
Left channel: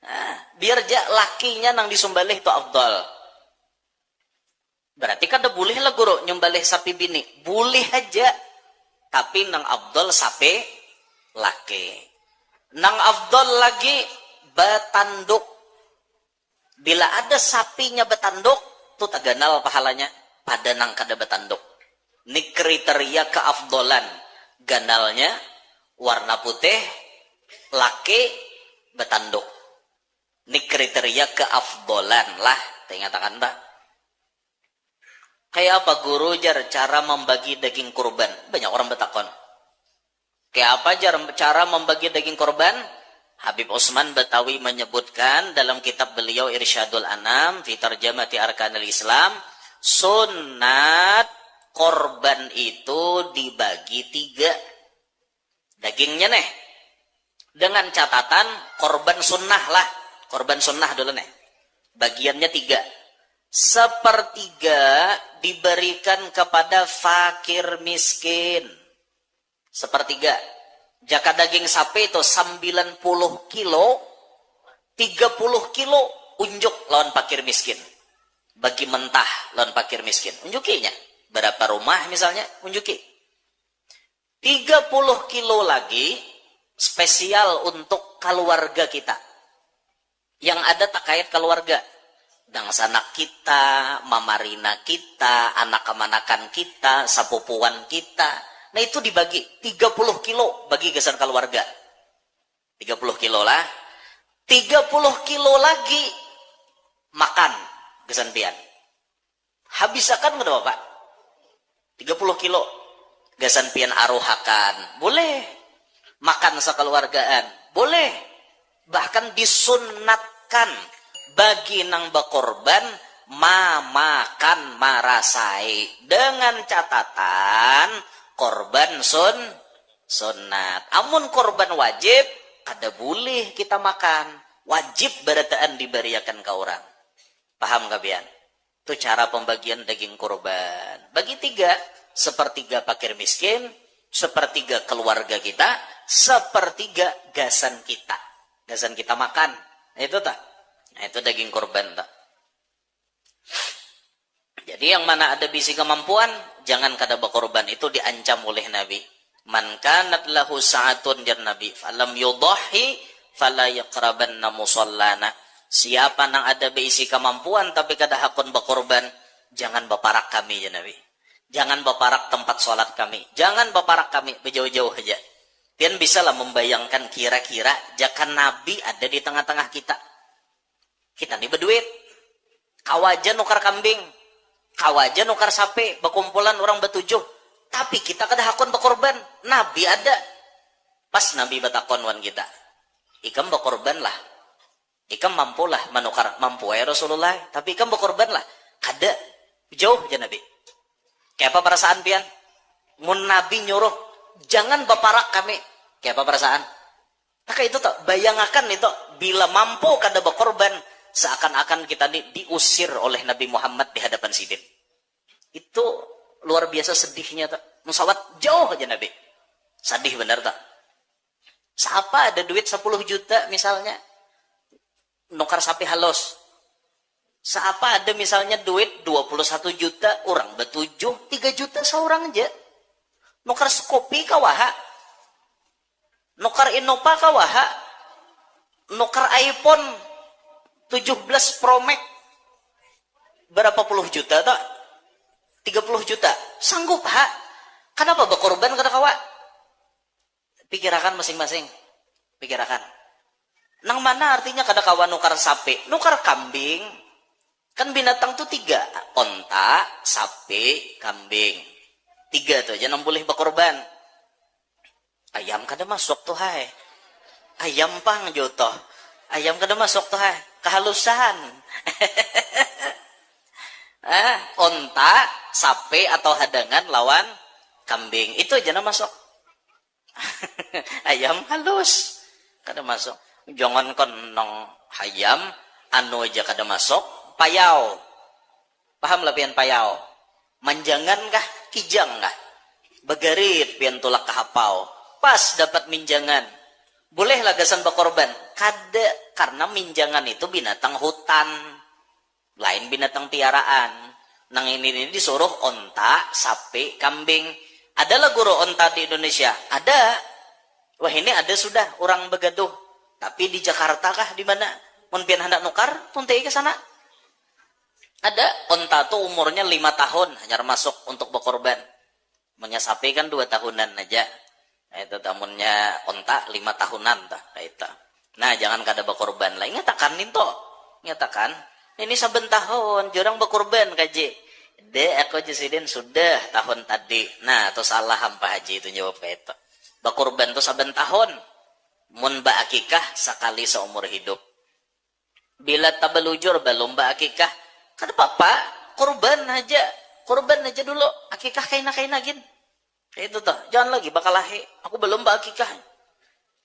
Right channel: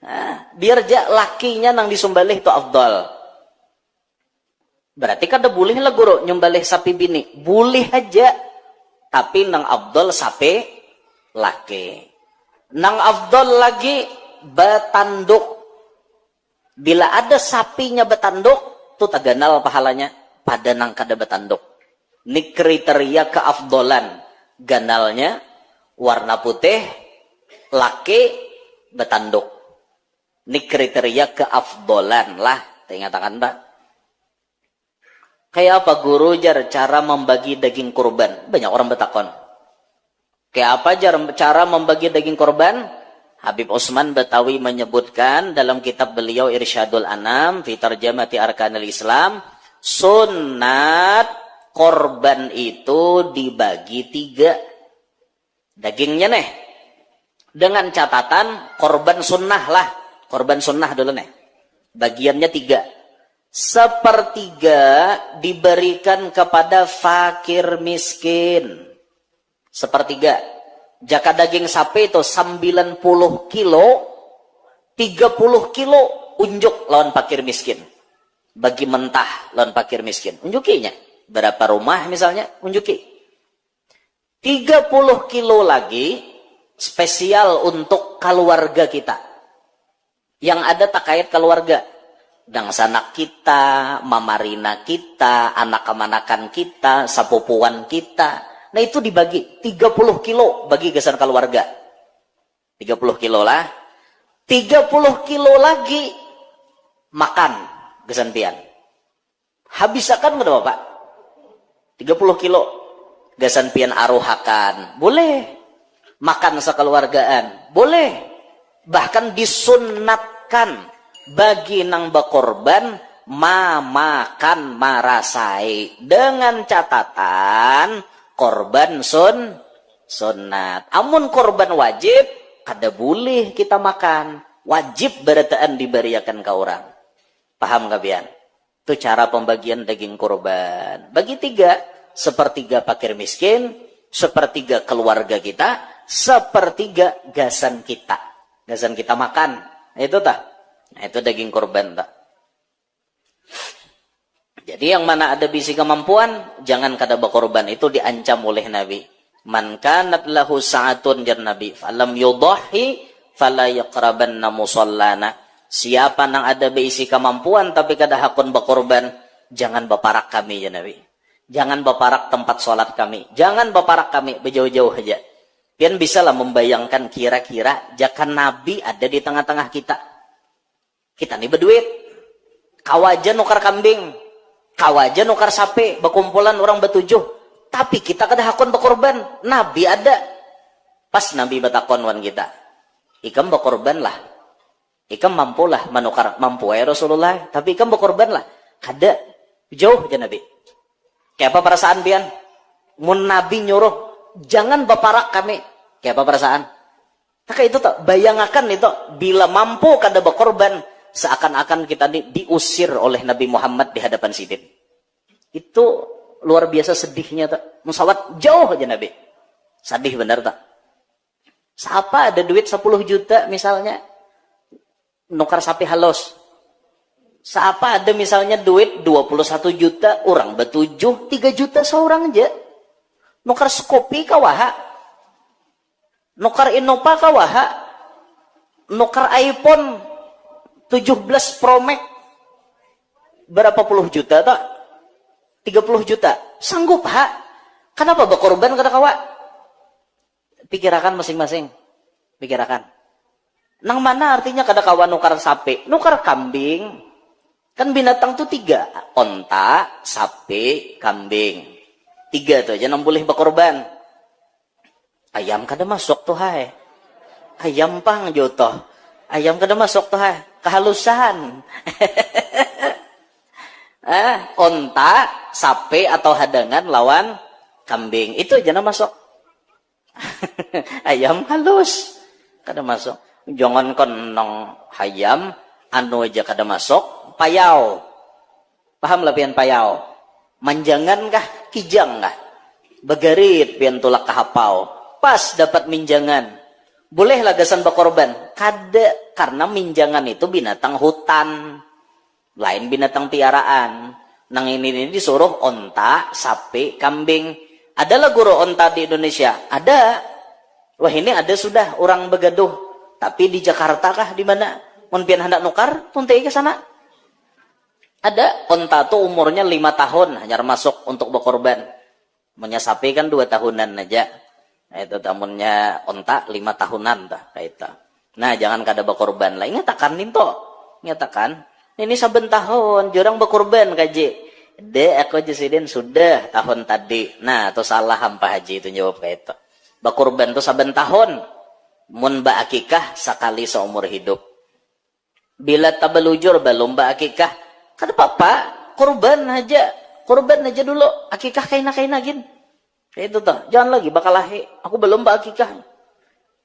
Nah, biar aja lakinya nang disumbalih itu afdal. Berarti kada boleh lah guru nyumbalih sapi bini. Boleh aja. Tapi nang afdal sapi laki. Nang afdal lagi betanduk. Bila ada sapinya betanduk, itu taganal pahalanya pada nang kada betanduk. Ini kriteria keafdolan. Ganalnya warna putih, laki betanduk. Ini kriteria keafdolan lah. Ingatakan tak? Kayak apa guru jar cara membagi daging kurban? Banyak orang bertakon. Kayak apa jar cara membagi daging kurban? Habib Usman Betawi menyebutkan dalam kitab beliau Irsyadul Anam fi Tarjamati Arkanil Islam, sunat korban itu dibagi 3. Dagingnya nih. Dengan catatan korban sunnah lah. Korban sunnah dulu nih. Bagiannya 3. 1/3 diberikan kepada fakir miskin. 1/3. Jaka daging sapi itu 90 kilo. 30 kilo unjuk lawan fakir miskin. Bagi mentah lawan fakir miskin. Unjukinya. Berapa rumah misalnya, unjuki. 30 kilo lagi spesial untuk keluarga kita. Yang ada takayat keluarga. Dan sanak kita, mamarina kita, anak-anakan kita, sapupuan kita. Nah itu dibagi. 30 kilo bagi gesan keluarga. 30 kilo lah. 30 kilo lagi makan gesan pian. Habisakan nggak Bapak? 30 kilo gasan pian aruhakan. Boleh. Makan sekeluargaan. Boleh. Bahkan disunatkan bagi nang berkorban makan marasai. Dengan catatan korban sunat. Amun korban wajib kada boleh kita makan. Wajib berataan diberiakan ke orang. Paham gak pian? Itu cara pembagian daging kurban. Bagi 3. 1/3 fakir miskin. 1/3 keluarga kita. 1/3 gasan kita. Gasan kita makan. Itu tah. Nah, itu daging korban tak. Jadi yang mana ada bisi kemampuan, jangan kada berkorban. Itu diancam oleh Nabi. Man kanat lahu sa'atun jar Nabi, falam yudahi fala yaqrabanna musallana. Siapa nang ada bisi kemampuan tapi kada hakun berkorban, jangan berparak kami ya Nabi. Jangan berparak tempat sholat kami. Jangan berparak kami, berjauh-jauh aja. Pian bisalah membayangkan kira-kira jika Nabi ada di tengah-tengah kita. Kita nih berduit. Kawajan nukar kambing. Kawajan nukar sapi. Berkumpulan orang bertujuh. Tapi kita kada hakun berkorban. Nabi ada. Pas Nabi batakon wan kita. Ikam berkorban lah. Ikam mampu lah menukar. Mampu ya Rasulullah. Tapi ikam berkorban lah. Kada. Jauh aja Nabi. Kayak apa perasaan pian? Mun Nabi nyuruh. Jangan berparak kami. Kayak apa perasaan? Maka itu tak. Bayangakan itu. Bila mampu kada berkorban. Seakan-akan kita diusir oleh Nabi Muhammad di hadapan sidin. Itu luar biasa sedihnya tak. Musawat jauh aja Nabi. Sedih benar tak. Siapa ada duit 10 juta misalnya. Nukar sapi halus. Siapa ada misalnya duit 21 juta. Orang bertujuh 3 juta seorang aja. Nukar skopi kawaha. Nukar Innova kawaha. Nukar iPhone 17 Pro Max berapa puluh juta tak? 30 juta. Sanggup ha? Kenapa berkorban kada kawa? Pikirakan masing-masing. Pikirakan. Nang mana artinya kada kawa nukar sapi? Nukar kambing. Kan binatang tuh 3. Onta, sapi, kambing. 3 tuh aja nang boleh berkorban. Ayam kada masuk tuh hai. Ayam pang jotoh. Ayam kada masuk tuh hai. Kehalusan. Onta, sapi atau hadangan lawan kambing. Itu aja na masuk. Ayam halus. Kada masuk. Jangan kon nong hayam. Anu aja kada masuk. Payau. Paham lah pian payau? Manjangan kah? Kijang kah? Begarit pian tulak kahapau. Pas dapat minjangan. Boleh lagasan berkorban? Kada, karena minjangan itu binatang hutan. Lain binatang piaraan. Nang ini disuruh onta, sapi, kambing. Adalah guru onta di Indonesia? Ada. Wah ini ada sudah orang begaduh. Tapi di Jakarta kah? Di mana? Mun pian hendak nukar, tuntai ke sana. Ada. Onta tuh umurnya 5 tahun. Hanya masuk untuk berkorban. Punya sapi kan 2 tahunan aja. Nah, itu tamunnya onta 5 tahunan tak itu. Nah, jangan kada berkorban lah. Ingatakan ninto. Ingatakan, ini saben tahun jurang berkorban kaji. Aku jasidin sudah tahun tadi. Nah, itu salah hampa haji itu jawab kayak itu. Berkorban itu saben tahun. Mun ba akikah sekali seumur hidup. Bila tabelujur belum ba akikah, kada apa-apa, korban aja. Korban aja dulu. Akikah kaina-kaina gin. Itu tuh, jangan lagi bakal lahi. Aku belum akikah.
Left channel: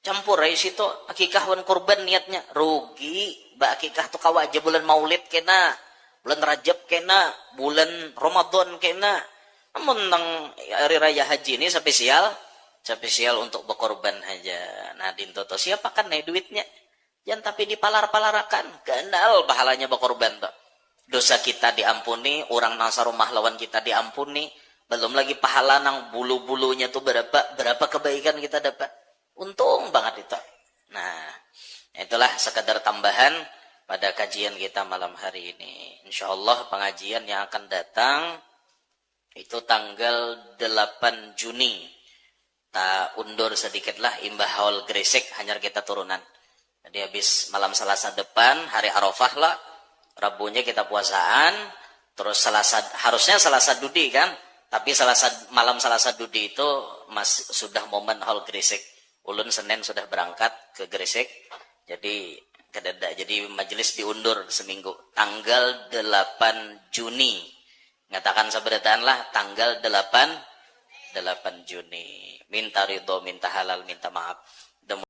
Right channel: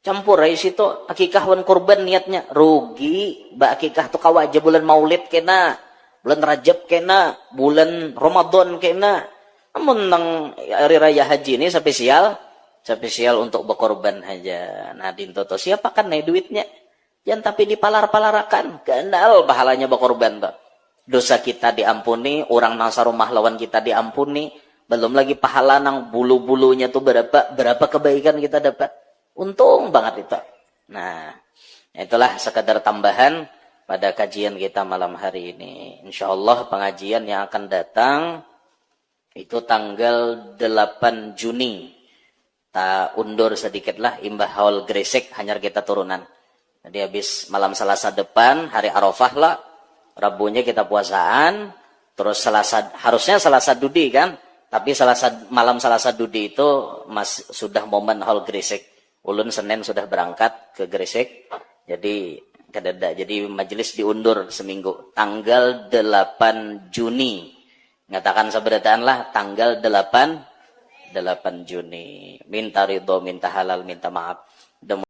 Campur ya situ akikah wan kurban niatnya. Rugi, akikah tuh kawa aja bulan Maulid kena, bulan Rajab kena, bulan Ramadan kena. Namun nang hari raya haji ini spesial untuk berkorban aja. Nah, dinto tuh siapa kan nih duitnya? Jangan tapi dipalar-palarakan. Kenal pahalanya berkorban tuh. Dosa kita diampuni, orang nasa rumah lawan kita diampuni. Belum lagi pahala nang bulu-bulunya tuh berapa kebaikan kita dapat. Untung banget itu. Nah, itulah sekadar tambahan pada kajian kita malam hari ini. InsyaAllah pengajian yang akan datang itu tanggal 8 Juni. Tak undur sedikitlah imbah haul Gresik hanya kita turunan. Jadi habis malam Selasa depan, hari Arafah lah. Rabunya kita puasaan. Terus harusnya Selasa Dudi kan. Tapi malam Selasa Dudi itu sudah momen haul Gresik. Ulun Senin sudah berangkat ke Gresik. Jadi kedada. Jadi majelis diundur seminggu. Tanggal 8 Juni. Ngatakan seberataan lah tanggal 8 Juni. Minta ridho, minta halal, minta maaf.